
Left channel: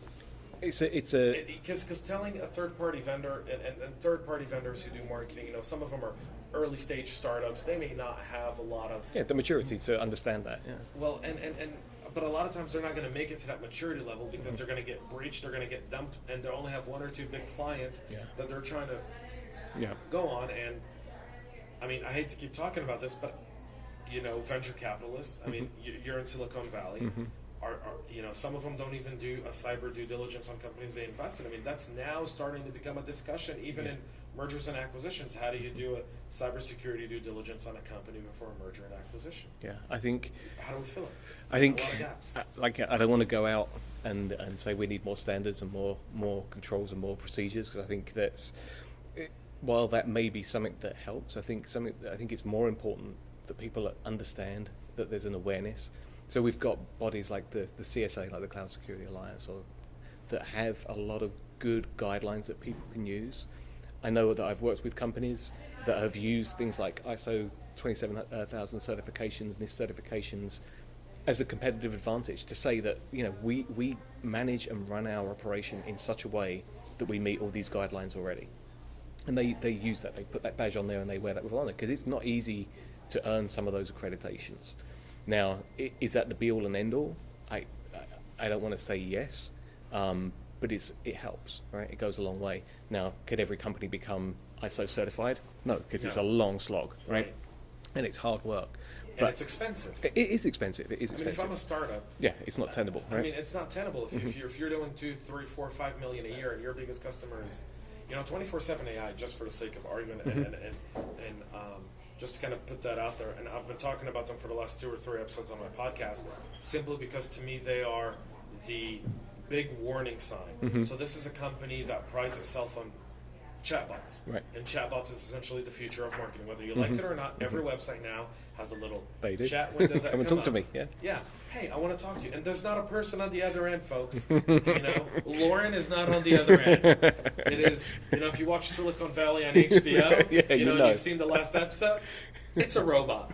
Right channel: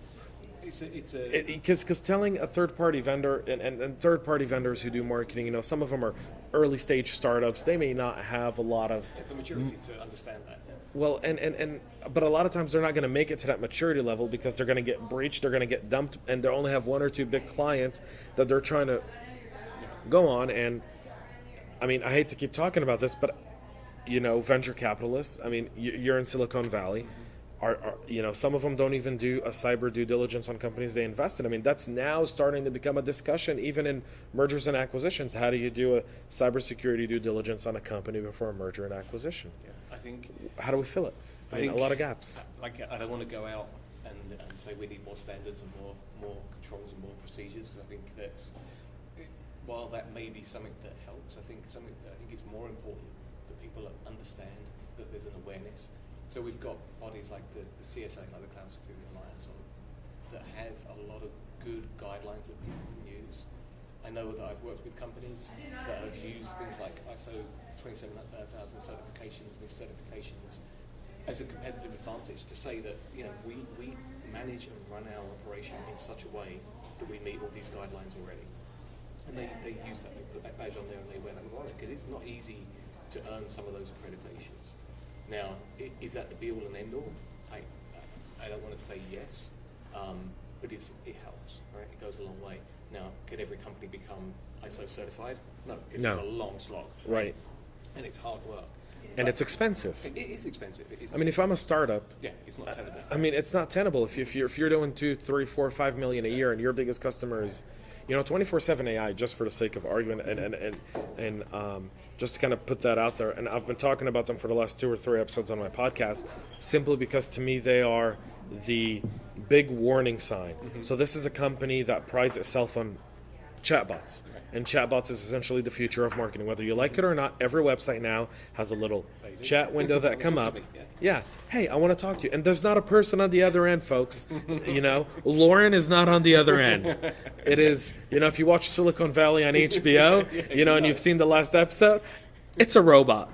because telling a third-party vendor and third-party vendors who do marketing, some of them are early stage startups. They may not have a lot of the maturity to understand that. Yeah. Well, but a lot of times they're not going to make it to that maturity level because they're going to get breached, they're going to get dumped, and they only have one or two big clients that they're trying to go on. And I mean, I hate to keep talking about this, but venture capitalists. I mean, you're in Silicon Valley. Are some of them don't even do a cyber due diligence on companies they invest in. I mean, that's now starting to become a discussion, even in mergers and acquisitions. How do you do a cybersecurity due diligence on a company before a merger and acquisition? Yeah, I think. How do we fill it? I think a lot of gaps. I don't want to go out and say we need more standards and more controls and more procedures, because I think while that may be something that helps, I think it's more important that people understand that there's an awareness. So we've got bodies like the CSA, like the Cloud Security Alliance, that have a lot of good guidelines that people can use. I know that I've worked with companies that have used things like ISO 27000 certifications, NIST certifications, as a competitive advantage to say that we manage and run our operation in such a way that we meet all these guidelines already. And they use that, they put that badge on there and they wear that with honor, because it's not easy to earn some of those accreditations. Now, is that the be-all and end-all? I don't want to say yes, but it helps, right? It goes a long way. Now, could every company become ISO certified? No, because it's a long slog, right? And it's hard work. And it's expensive. It is expensive. I mean, if I'm a startup, it's not tenable. Right? I mean, it's not tenable. If you're doing 2, 3, 4, 5 million a year, and your biggest customer is, 24/7 AI, just for the sake of argument, and just to kind of put that out there. And I've been talking about them for the last 2 or 3 episodes on my podcast, simply because to me they are the big warning sign. So this is a company that prides itself on chatbots. Right. And chatbots is essentially the future of marketing. Whether you like it or not, every website now has a little chat window that comes up. To me. Yeah. Hey, I want to talk to you. And there's not a person on the other end, folks. Lauren is not on the other end. It is, if you watch Silicon Valley on HBO, and you've seen the last episode, it's a robot.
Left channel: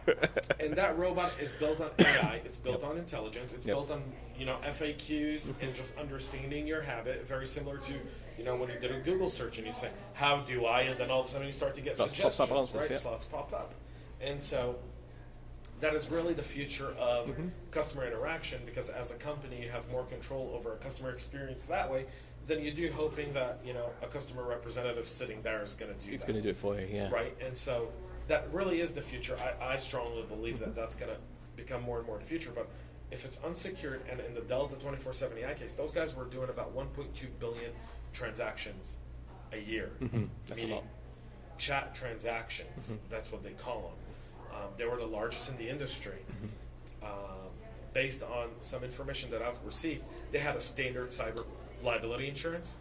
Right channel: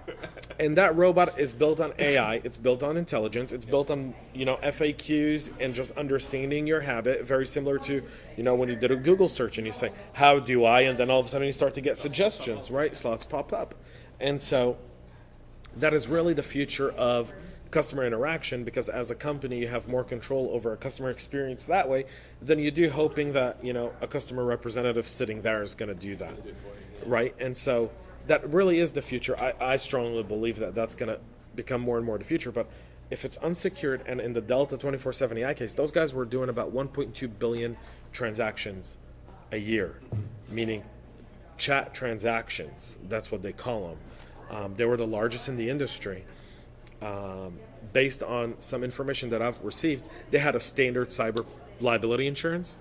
And that robot is built on AI. It's built on intelligence. It's built on, FAQs and just understanding your habit. Very similar to, when you did a Google search and you say, how do I? And then all of a sudden you start to get suggestions, right? Slots pop up. And so that is really the future of customer interaction, because as a company, you have more control over a customer experience that way than you do hoping that, a customer representative sitting there is going to do that. It's going to do it for you, yeah. Right? And so that really is the future. I strongly believe that that's going to become more and more the future. But if it's unsecured, and in the Delta 24/7 AI case, those guys were doing about 1.2 billion transactions a year, meaning chat transactions. That's what they call them. They were the largest in the industry. Based on some information that I've received, they had a standard cyber liability insurance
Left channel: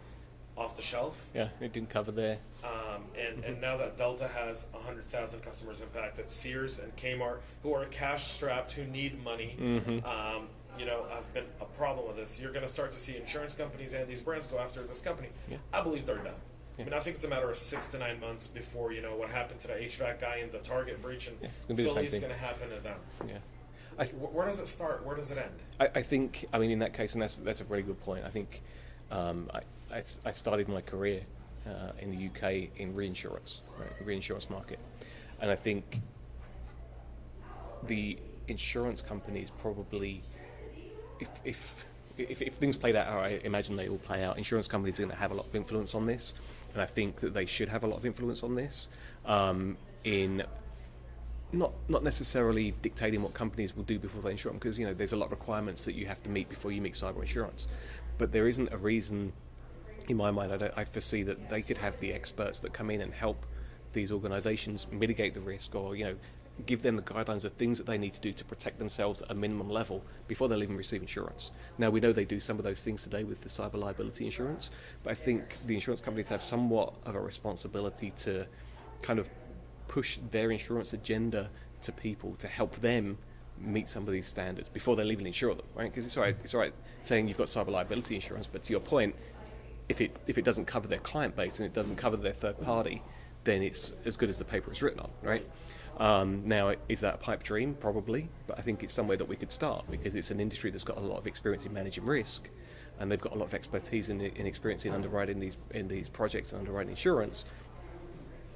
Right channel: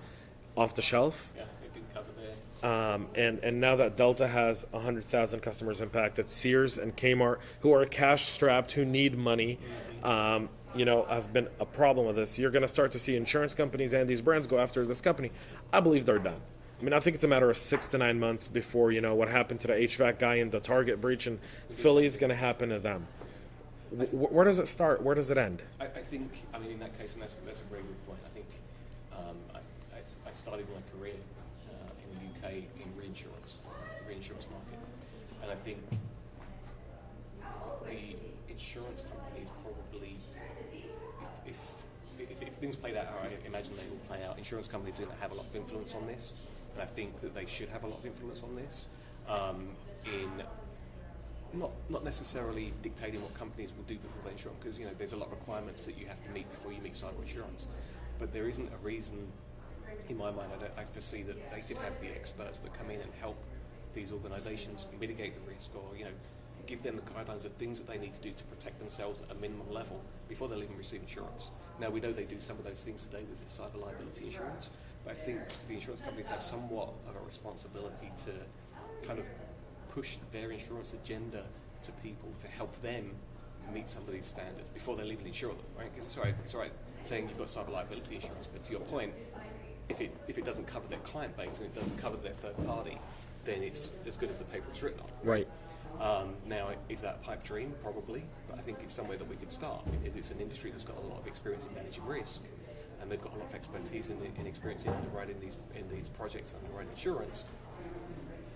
off the shelf. Yeah, it didn't cover there. And now that Delta has 100,000 customers impacted, Sears and Kmart, who are cash strapped, who need money, have been a problem with this. You're going to start to see insurance companies and these brands go after this company. I believe they're done. I mean, I think it's a matter of 6 to 9 months before, what happened to the HVAC guy in the Target breach in Philly is going to happen to them. Yeah. Where does it start? Where does it end? I think, in that case, and that's a very good point. I think I started my career in the UK in reinsurance, right, the reinsurance market, and I think the insurance companies probably, if things played out how I imagine they will play out, insurance companies are going to have a lot of influence on this, and I think that they should have a lot of influence on this, in not necessarily dictating what companies will do before they insure them, because there's a lot of requirements that you have to meet before you meet cyber insurance, but there isn't a reason, in my mind, I foresee that they could have the experts that come in and help these organisations mitigate the risk, or give them the guidelines of things that they need to do to protect themselves at a minimum level before they'll even receive insurance. Now, we know they do some of those things today with the cyber liability insurance, but I think the insurance companies have somewhat of a responsibility to kind of push their insurance agenda to people to help them meet some of these standards before they'll even insure them, right? Because it's all right saying you've got cyber liability insurance, but to your point, if it doesn't cover their client base and it doesn't cover their third party, then it's as good as the paper it's written on, right? Now, is that a pipe dream? Probably, but I think it's somewhere that we could start, because it's an industry that's got a lot of experience in managing risk, and they've got a lot of expertise in experience in underwriting these projects and underwriting insurance.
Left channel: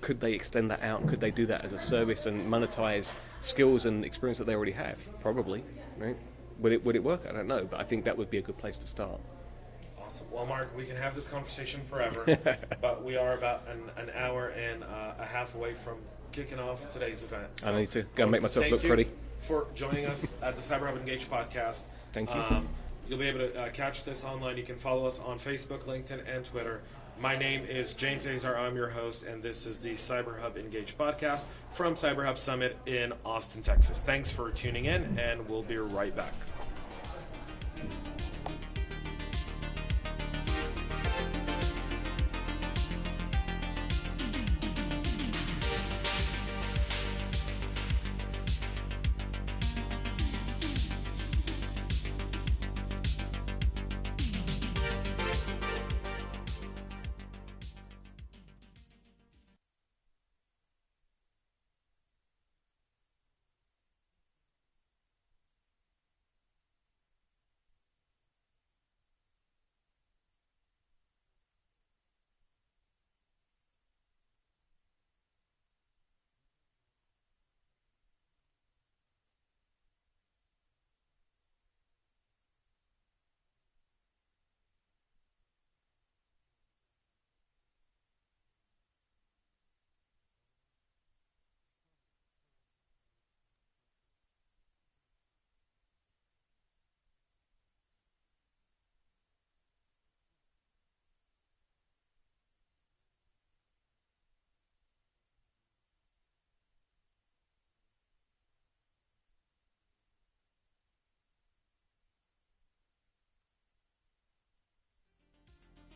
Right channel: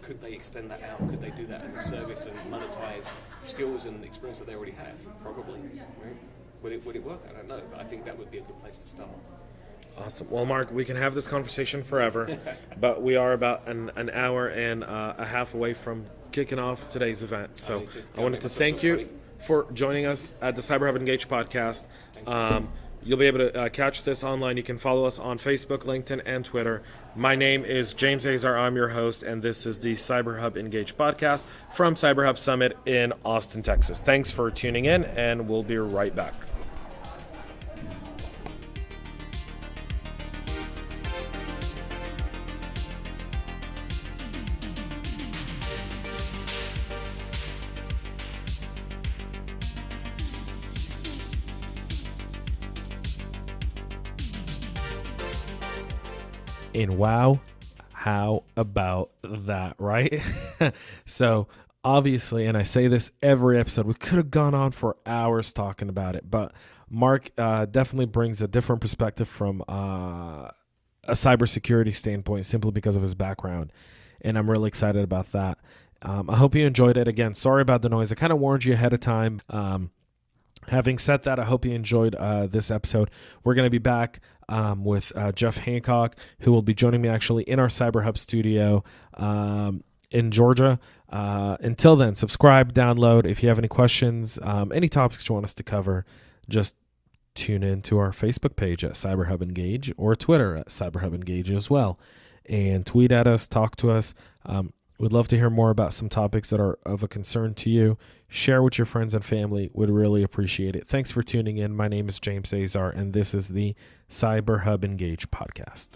Could they extend that out? Could they do that as a service and monetize skills and experience that they already have? Probably, right? Would it work? I don't know, but I think that would be a good place to start. Awesome. Well, Mark, we can have this conversation forever, but we are about an hour and a half away from kicking off today's event. So I need to I wanted to thank you pretty. for joining us at the CyberHub Engage podcast. Thank you. You'll be able to catch this online. You can follow us on Facebook, LinkedIn, and Twitter. My name is James Azar. I'm your host, and this is the CyberHub Engage podcast from CyberHub Summit in Austin, Texas. Thanks for tuning in, and we'll be right back. And wow, how about that, right? So obviously, and I say this every episode, we could have gone on for hours talking about it, but Mark definitely brings a different perspective from a cybersecurity standpoint, simply because of his background, and I'm really excited about that. I hope you enjoyed it. Again, sorry about the noise. I kind of warned you ahead of time. Having said that, I hope you enjoyed this episode. We're going to be back with Jeff Hancock, who will be joining me actually in our CyberHub studio in Georgia. Until then, subscribe, download. If you have any questions, any topics you want us to cover, just tune in to our Facebook page at CyberHub Engage, or Twitter at CyberHub Engage as well. And tweet at us, talk to us. We'd love to hear more about some topics that are of a concern to you. Share with your friends and family. Would really appreciate it. Thanks for tuning in. My name is James Azar, and this is the CyberHub Engage podcast.